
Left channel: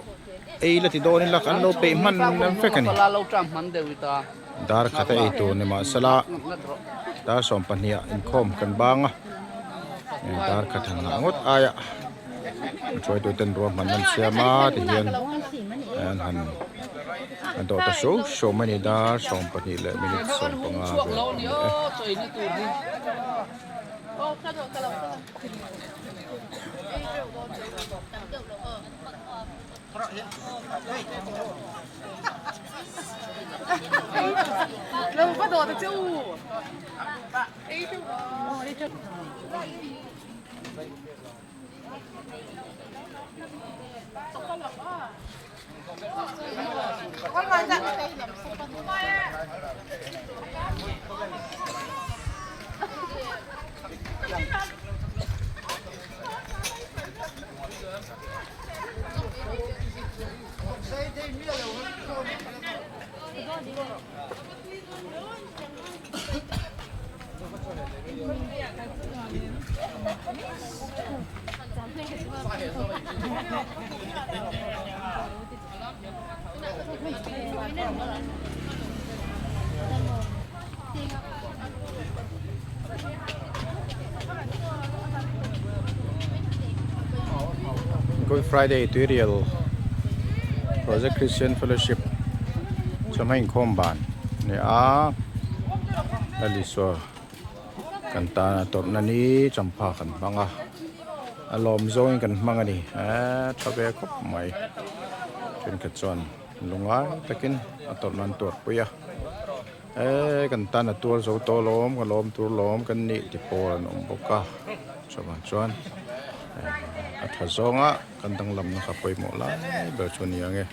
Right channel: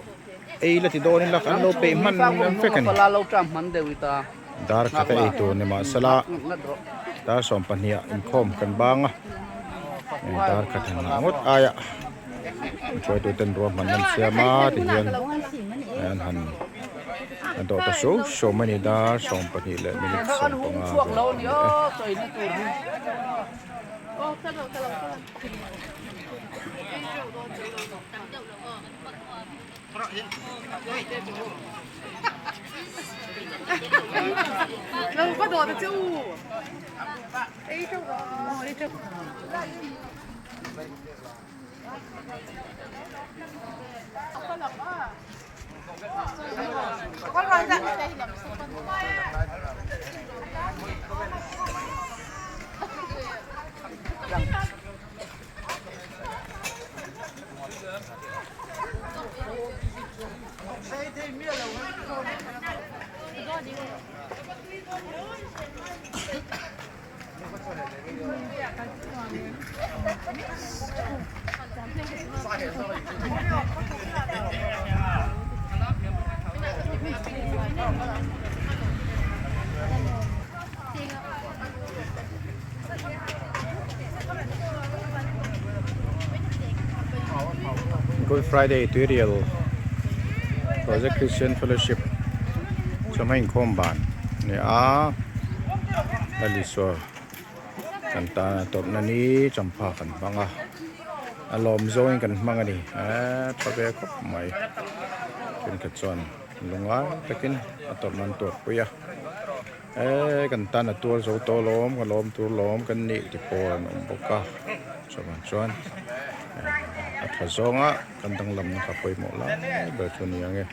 ei la ti do ni la kan lo pe man nam fe kan pala lo tram man de wita dar khata ei tu ne ma sala dar som pania in khom kan banga dar khata na ngot aya choi tu ten ro man nan siama ti hian an han an do ta show mani dar som pani le minute som panga chuak ve lo ni o choi ni tu ni lâu bắt đầu từ chứ con gọi dạ Good Friday Tutorial Project Christian Fellowship chama in khom ban ni a aliswa kan ta tor na ni champa kan banga alom zoing kan manga ni thabe khop mai kin ka chon lunga takin ator nan tor puya kan ta na tur zo to lom ka lom tur lom kan ni ti pon om boka chaman chon at hazonga kan dang lam na kapoy mo la ber chon yang e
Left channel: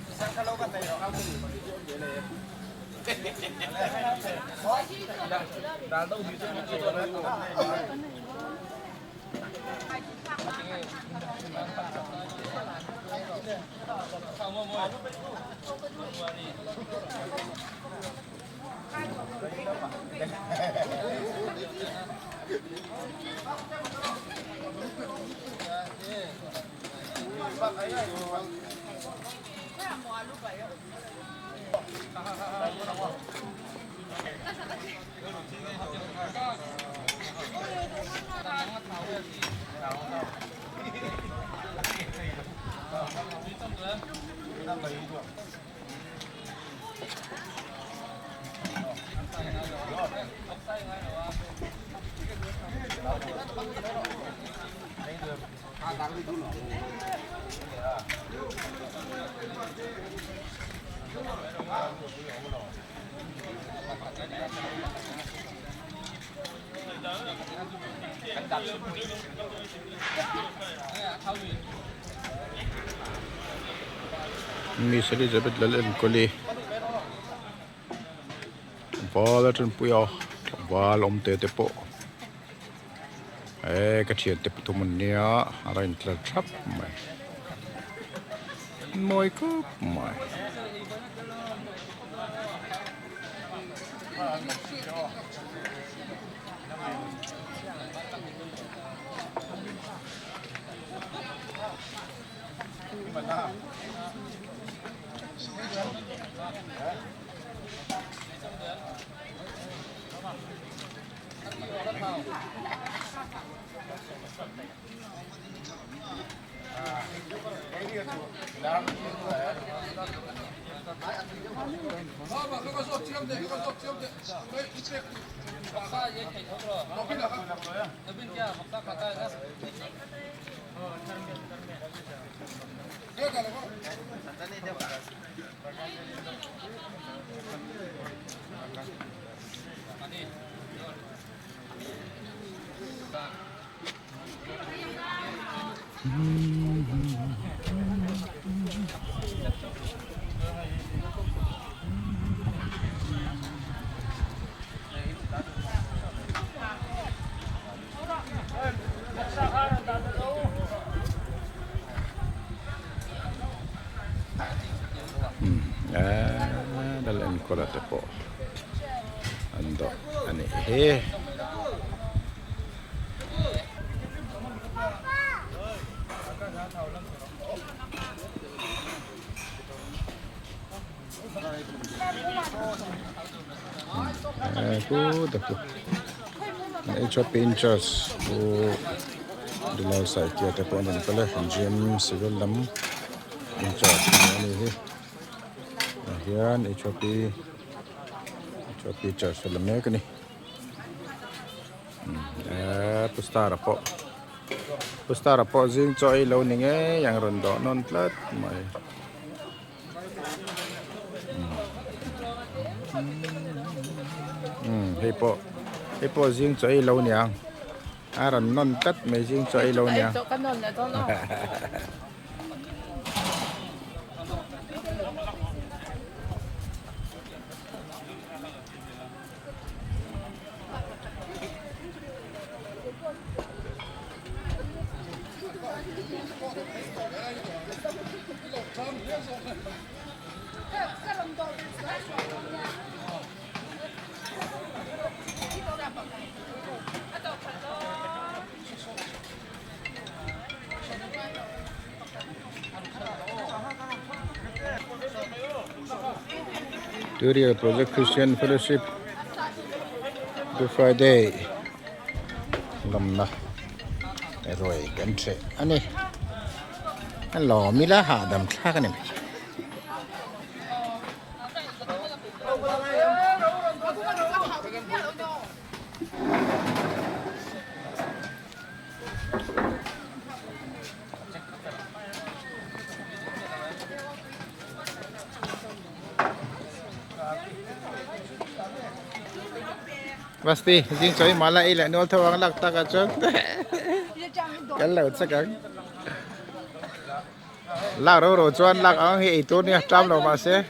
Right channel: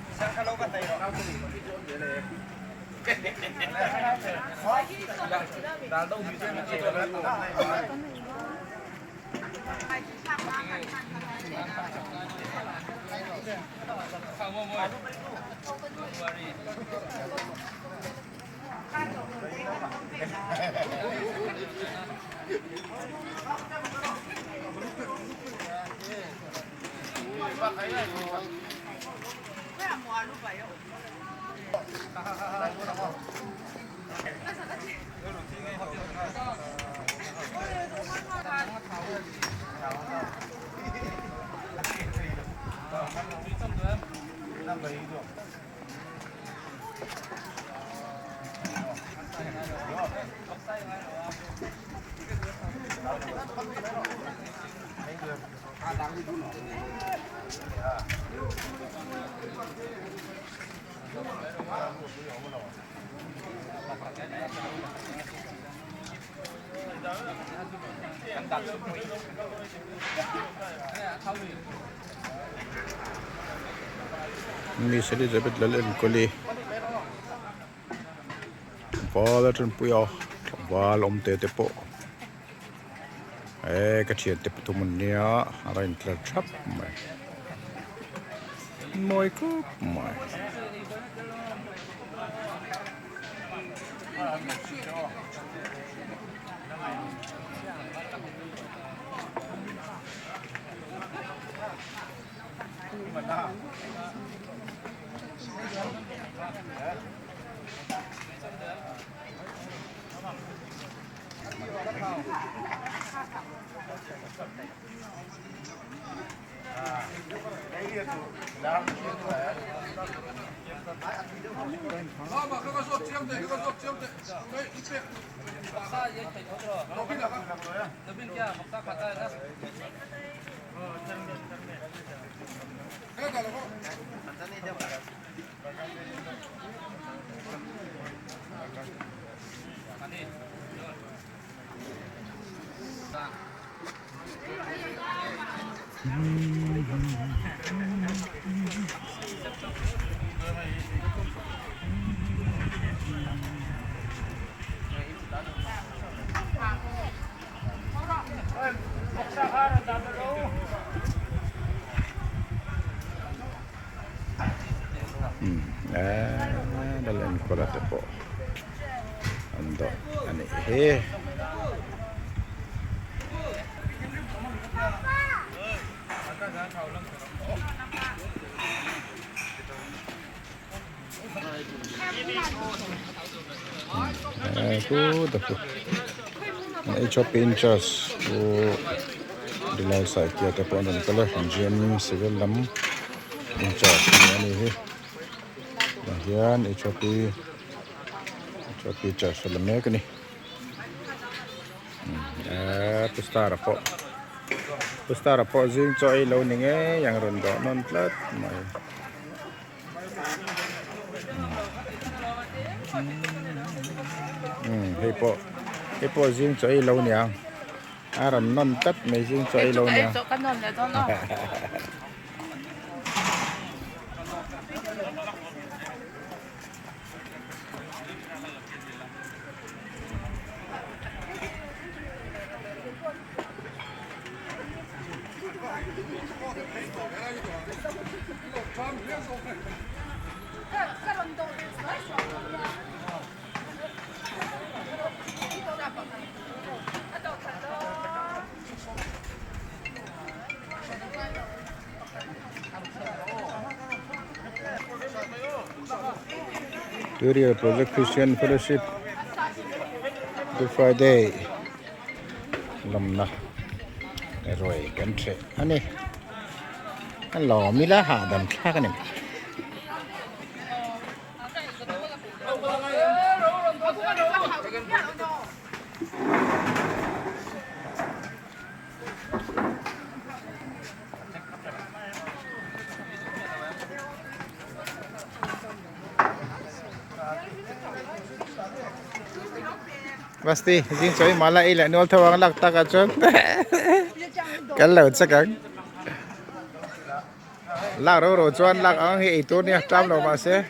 Miss Elizabeth Lalel Koli Bala tun puyo bal om te po ka thian te tumun nia arain tla thap mai moi ko mai dalam kola tepo ando ani he ku tepo ai shopping church ku dilau sai kia tepo ando kala gym civil lam in church ani he Yan Ethiopia church film ni kini. Pustara po zing choi lo ni nge yang rondo non plat mai. Hei po zing choi lo ni ang. Aron non tat mai zing choi lo ni ang. Studio Project Christian Fellowship Good Friday Lam na rồiกันเถอะอันนี้อันหล่อมีละหาดำคลากันเนี่ยPasti, jing soy malah ilah nol thawang lak tak achon. Kalau sekarang, lak ro chuan lak ang hi itu ni tram lo masih.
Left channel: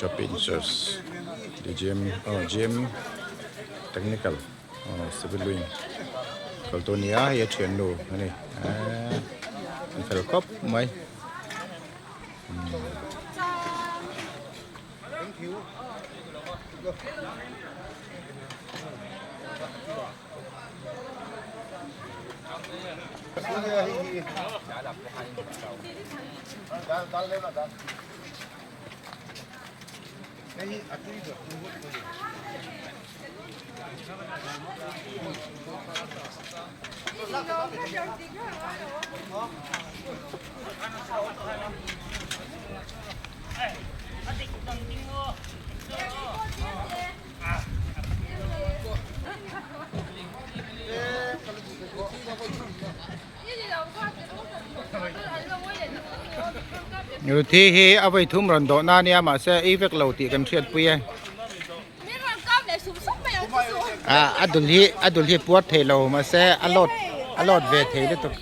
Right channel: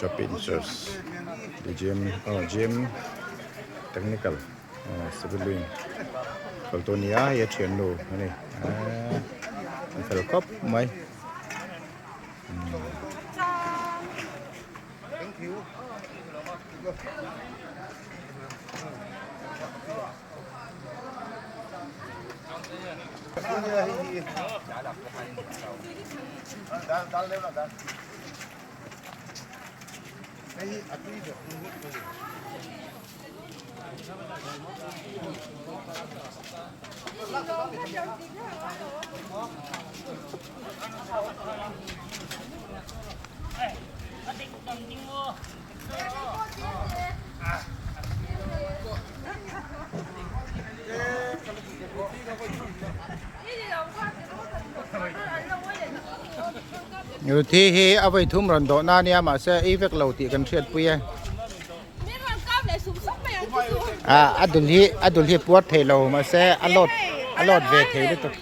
Shopping church, the gym, technical, civil wing. Kalau tu ni ya train lo, ni, kalau kop, mai. Thank you. Ini dah buat, terus ada orang lain nak อยู่ที่เอาไปทุ่มรันโดนาเนี่ยมาเสียอีเวกเราตีกันเชียดปุ้ย 没人搞来，是不是没有？อดุลที่ปวดเทเรามาเสียอลดเวทเทได้ตก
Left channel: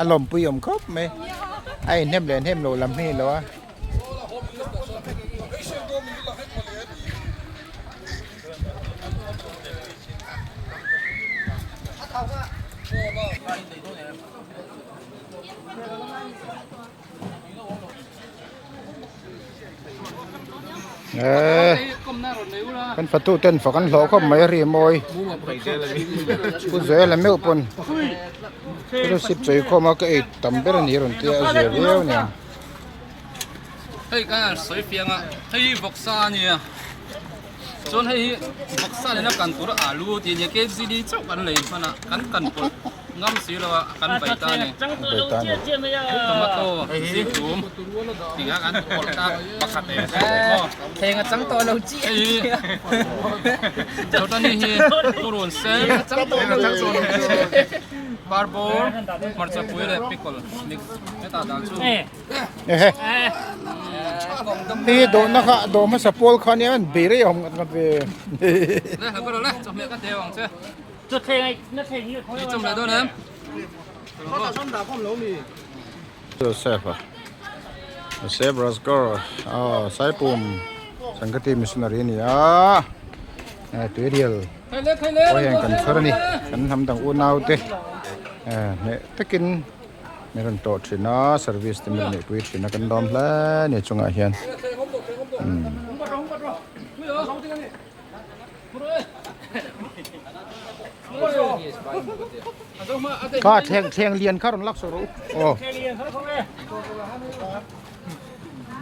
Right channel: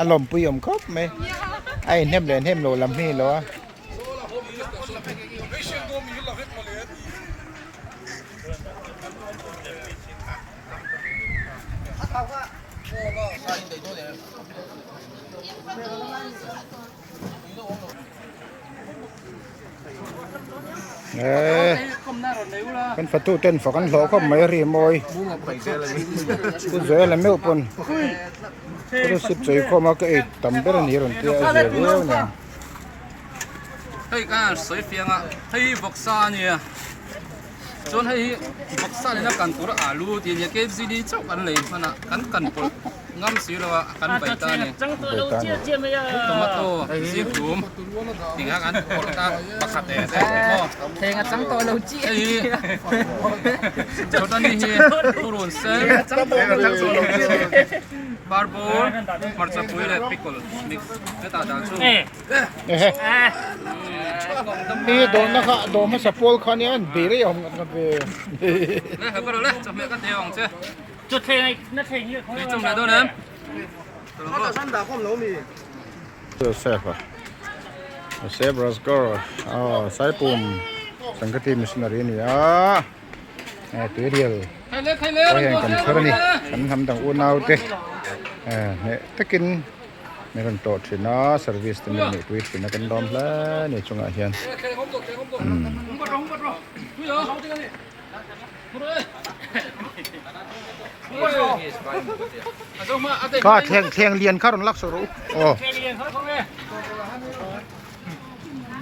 อารมณ์ปุ้ยอมครบไหมไอ้เนมเลยเนมโลลำนี่เหรอเป็นประตูเต้นฝกันหลอกเขาไม่รีมอยกูเจอแล้วไม่อุปนกูรู้สึกใจเขามาก็ไอ้ตั้มเบรนี่รุ่นที่อาเจียวเนี่ยเฮ้ยกันสวยเฟียงอ่ะเฮ้ยบักซาเนี่ยจนให้บักซาเนี่ยนักการตัวอาลูที่เนี่ยเก็บซีดีจบกันเลยมันอ่ะกันปวดงำสีแล้วกันใบตาเนี่ยโตมาโต้สีถุมติงกันปวดตาบักขับเลยแทงจังตัวเราจี้เจ้าตอนนี้เฮียผู้รุนเซนบาร์โบร์มาร์ซาปุยเลยพิกลมิกซ์เจ้าตาดาวชูนี่โดนนะคะโดนมาสปอลคันนี้มันบีรีอมกันไปเลยก็เลยจำเลยก็เดียวเจ้าจุดเทงนั่นเทงนี่เขาจำเลยด้วยนะเซฟอ่ะเซฟรัสก็สายปุ่มสังกัดมิชนารีนี่ตัวเดียวก็ยังกันเท่านี้กันทำต่างอุ่นเอาเต้เนี่ยตะกินไม่รันโตทรีน่าเซอร์วิสที่มีในทวิตเป็นนักดอมแล้วเนี่ยจงอาเฮียนก็เทียงเรียนข้ารุนลักษรูโอ้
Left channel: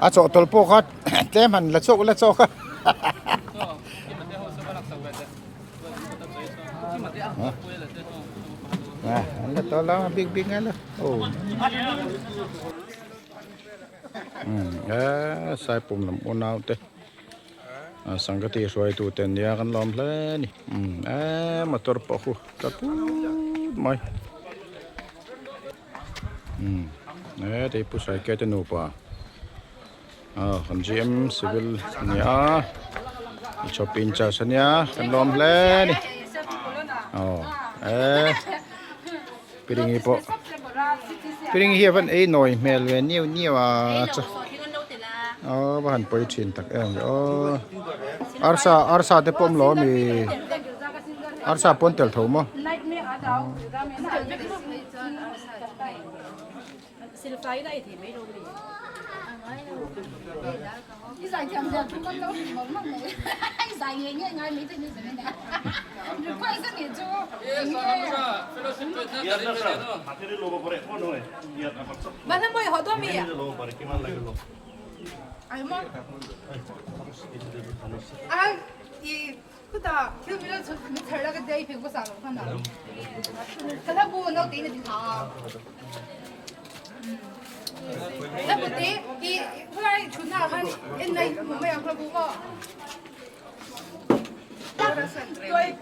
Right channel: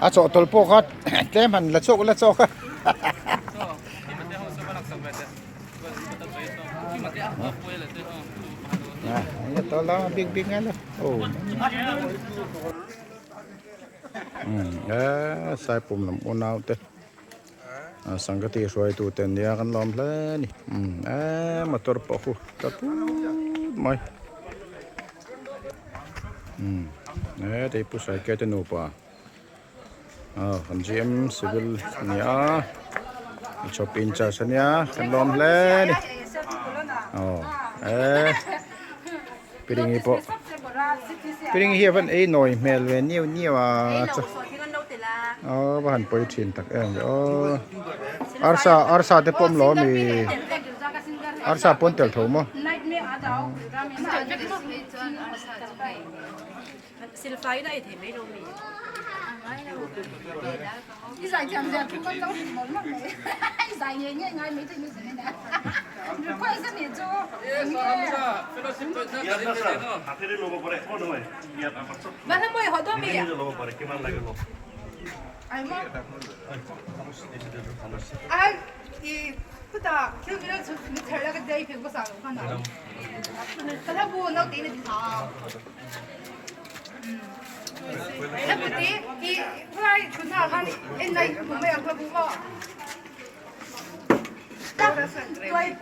อาโจตลโปก็เต้มันละโจก็ละโจก็ก็ตัวละบิ๊กงั้นเลยโอ้สายปุ่มลำอุ่นเอาเต้สังกติสวยตัวเต็นยากันล้อมเลยนี่มาตัวปะหูตัวพูดไหมแต่ผู้ชายแกจะหนูป่ะคนจีเอ็มซิวิลเนี่ยชอบอินจ่าสัญญากันล้อมเลยนี่ปีนี้ปะปีนี้เฮียวันหน่อยเมลเวนี่ว่าจ้ะบ้านไปชินตักอาร์ซาเดปมล้อมีอาร์ซาปนเตลทุ่มมั้งศิลปะได้ถึงไม่รู้นี่ใส่จำเดือนทุกคนต้องหมดมั้งเลยใส่เงี้ยง่ายไม่ถึงนี่ใช่ไหมนะไม่ค่อยสนิทจูนั่นทำไมเขาต้องมีอ่ะ이 그다 기억이랑 저 근데 잘 나갔대 이 배고 싸고 하나. 그다 뭐 나도 이네 다. 나 그때 이 후라이 그날 한 옛날 뭐야 그거.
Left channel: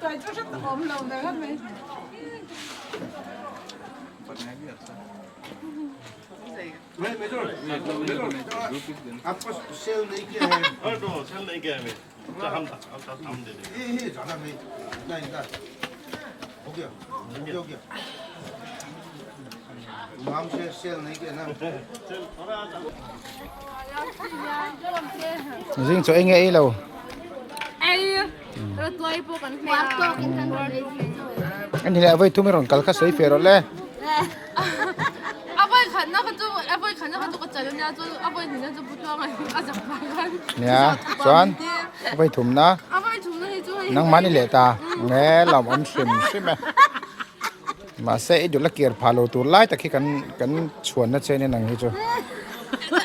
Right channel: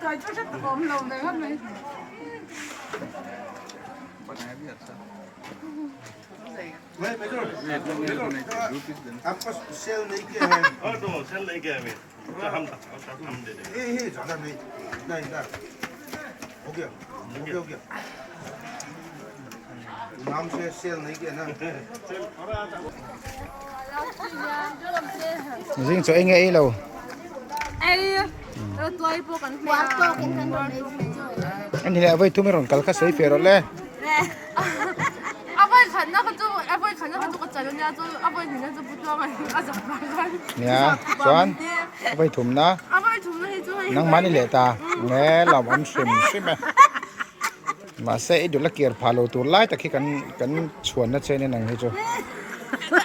tôi chút rất ốm đầu này hết mấy. आपको सेल नहीं किया है तो सेल नहीं किया है हम दे देंगे ये ज़्यादा नहीं नहीं हो गया नाम से सेल नहीं किया ना riêng cho anh ấy đâu rồi tôi bộ cần phải anh thì lại với thu mấy rồng cල් khát sấy phê rồi lẽ 아버지 간나 가지고 짜려냐 저 아버지 그냥 저 부정을 아저 방안 nha Doan với thùng na 아버지 주문 해줘 nang mani lệ ta nghe lòng ông sim mà sẽ được là kiệt phalo tu lại ta khi cần chuồn nó chơi nên năng hết chưa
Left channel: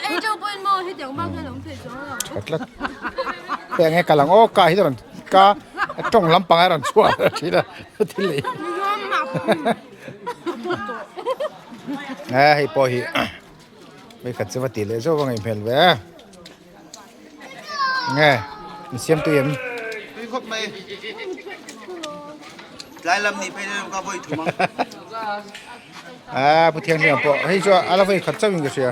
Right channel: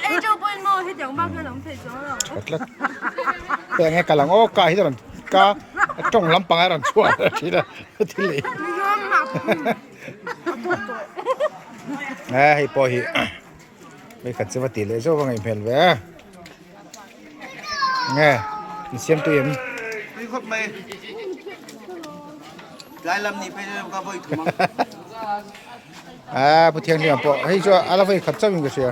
ai cho bên mò hết chẳng bao giờ làm thể cho thật làแต่ไงกำลังโอ้กาที่มันกาจ้องลำปังให้เราชั่วทีละทีเลยให้พอหิไปขัดสวัสดิ์เลยโซ่ว่าไงเพลเว้ยไงเสียมตัวเอ็ม พี่ครบไหมลายลำนี้ไปเลยก็ไปถูกมั้ง ผู้เที่ยงเนี่ยพอให้ชัวอะไรไปขัดเจ้าวิ่งก็เสีย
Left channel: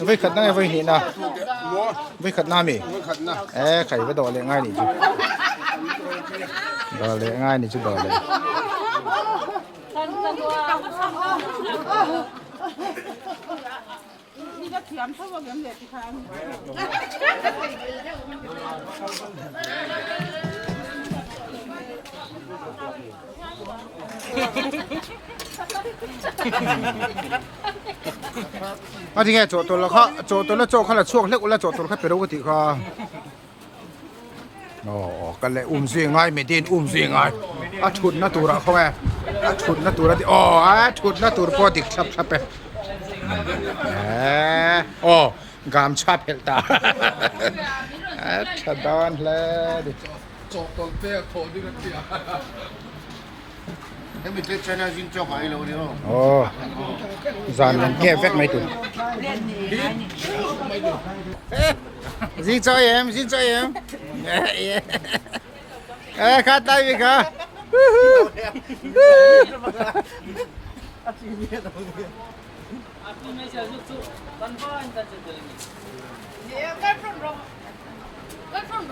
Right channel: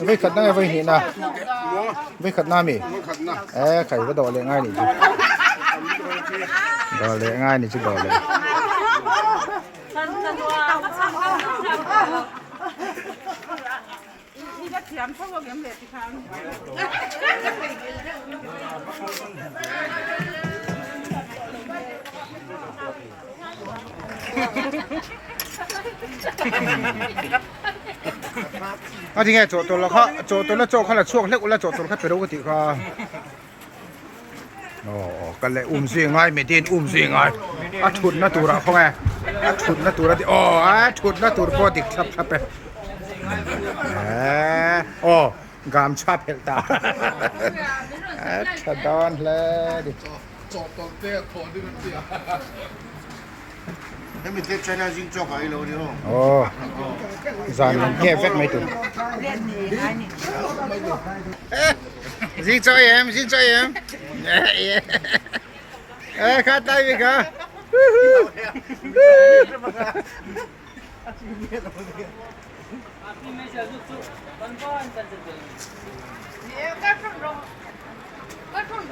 với khát năng với hiện à với khát nam mi khai với đồ lệ ngay này chứ đồ lệ ngay này chứ đồ lệ à thì nghe chỗ tôi là khó chỗ tôi là chỗเขาlàช่วงเล็กแล้วchỗ tôi làเป็นรูปติเขาโอ้กันเลยสิง่ายไม่ดีสิง่ายอ่ะชุดน่าตัวละเขาไงอ่ะชุดน่าตัวละที่อ๋ออ่ะชุดน่าตัวพอติดชับไปโอ้กามชาเพลตาชะดอนเลยดิ จบตอนเตะโผล่ด้วยกันเสีย Thế mình tết China xin cho cái lâu đi không? Ồ, dàn nghe vét mấy tụi. Xin cho em. Ê, khát tay đi cả. Where from?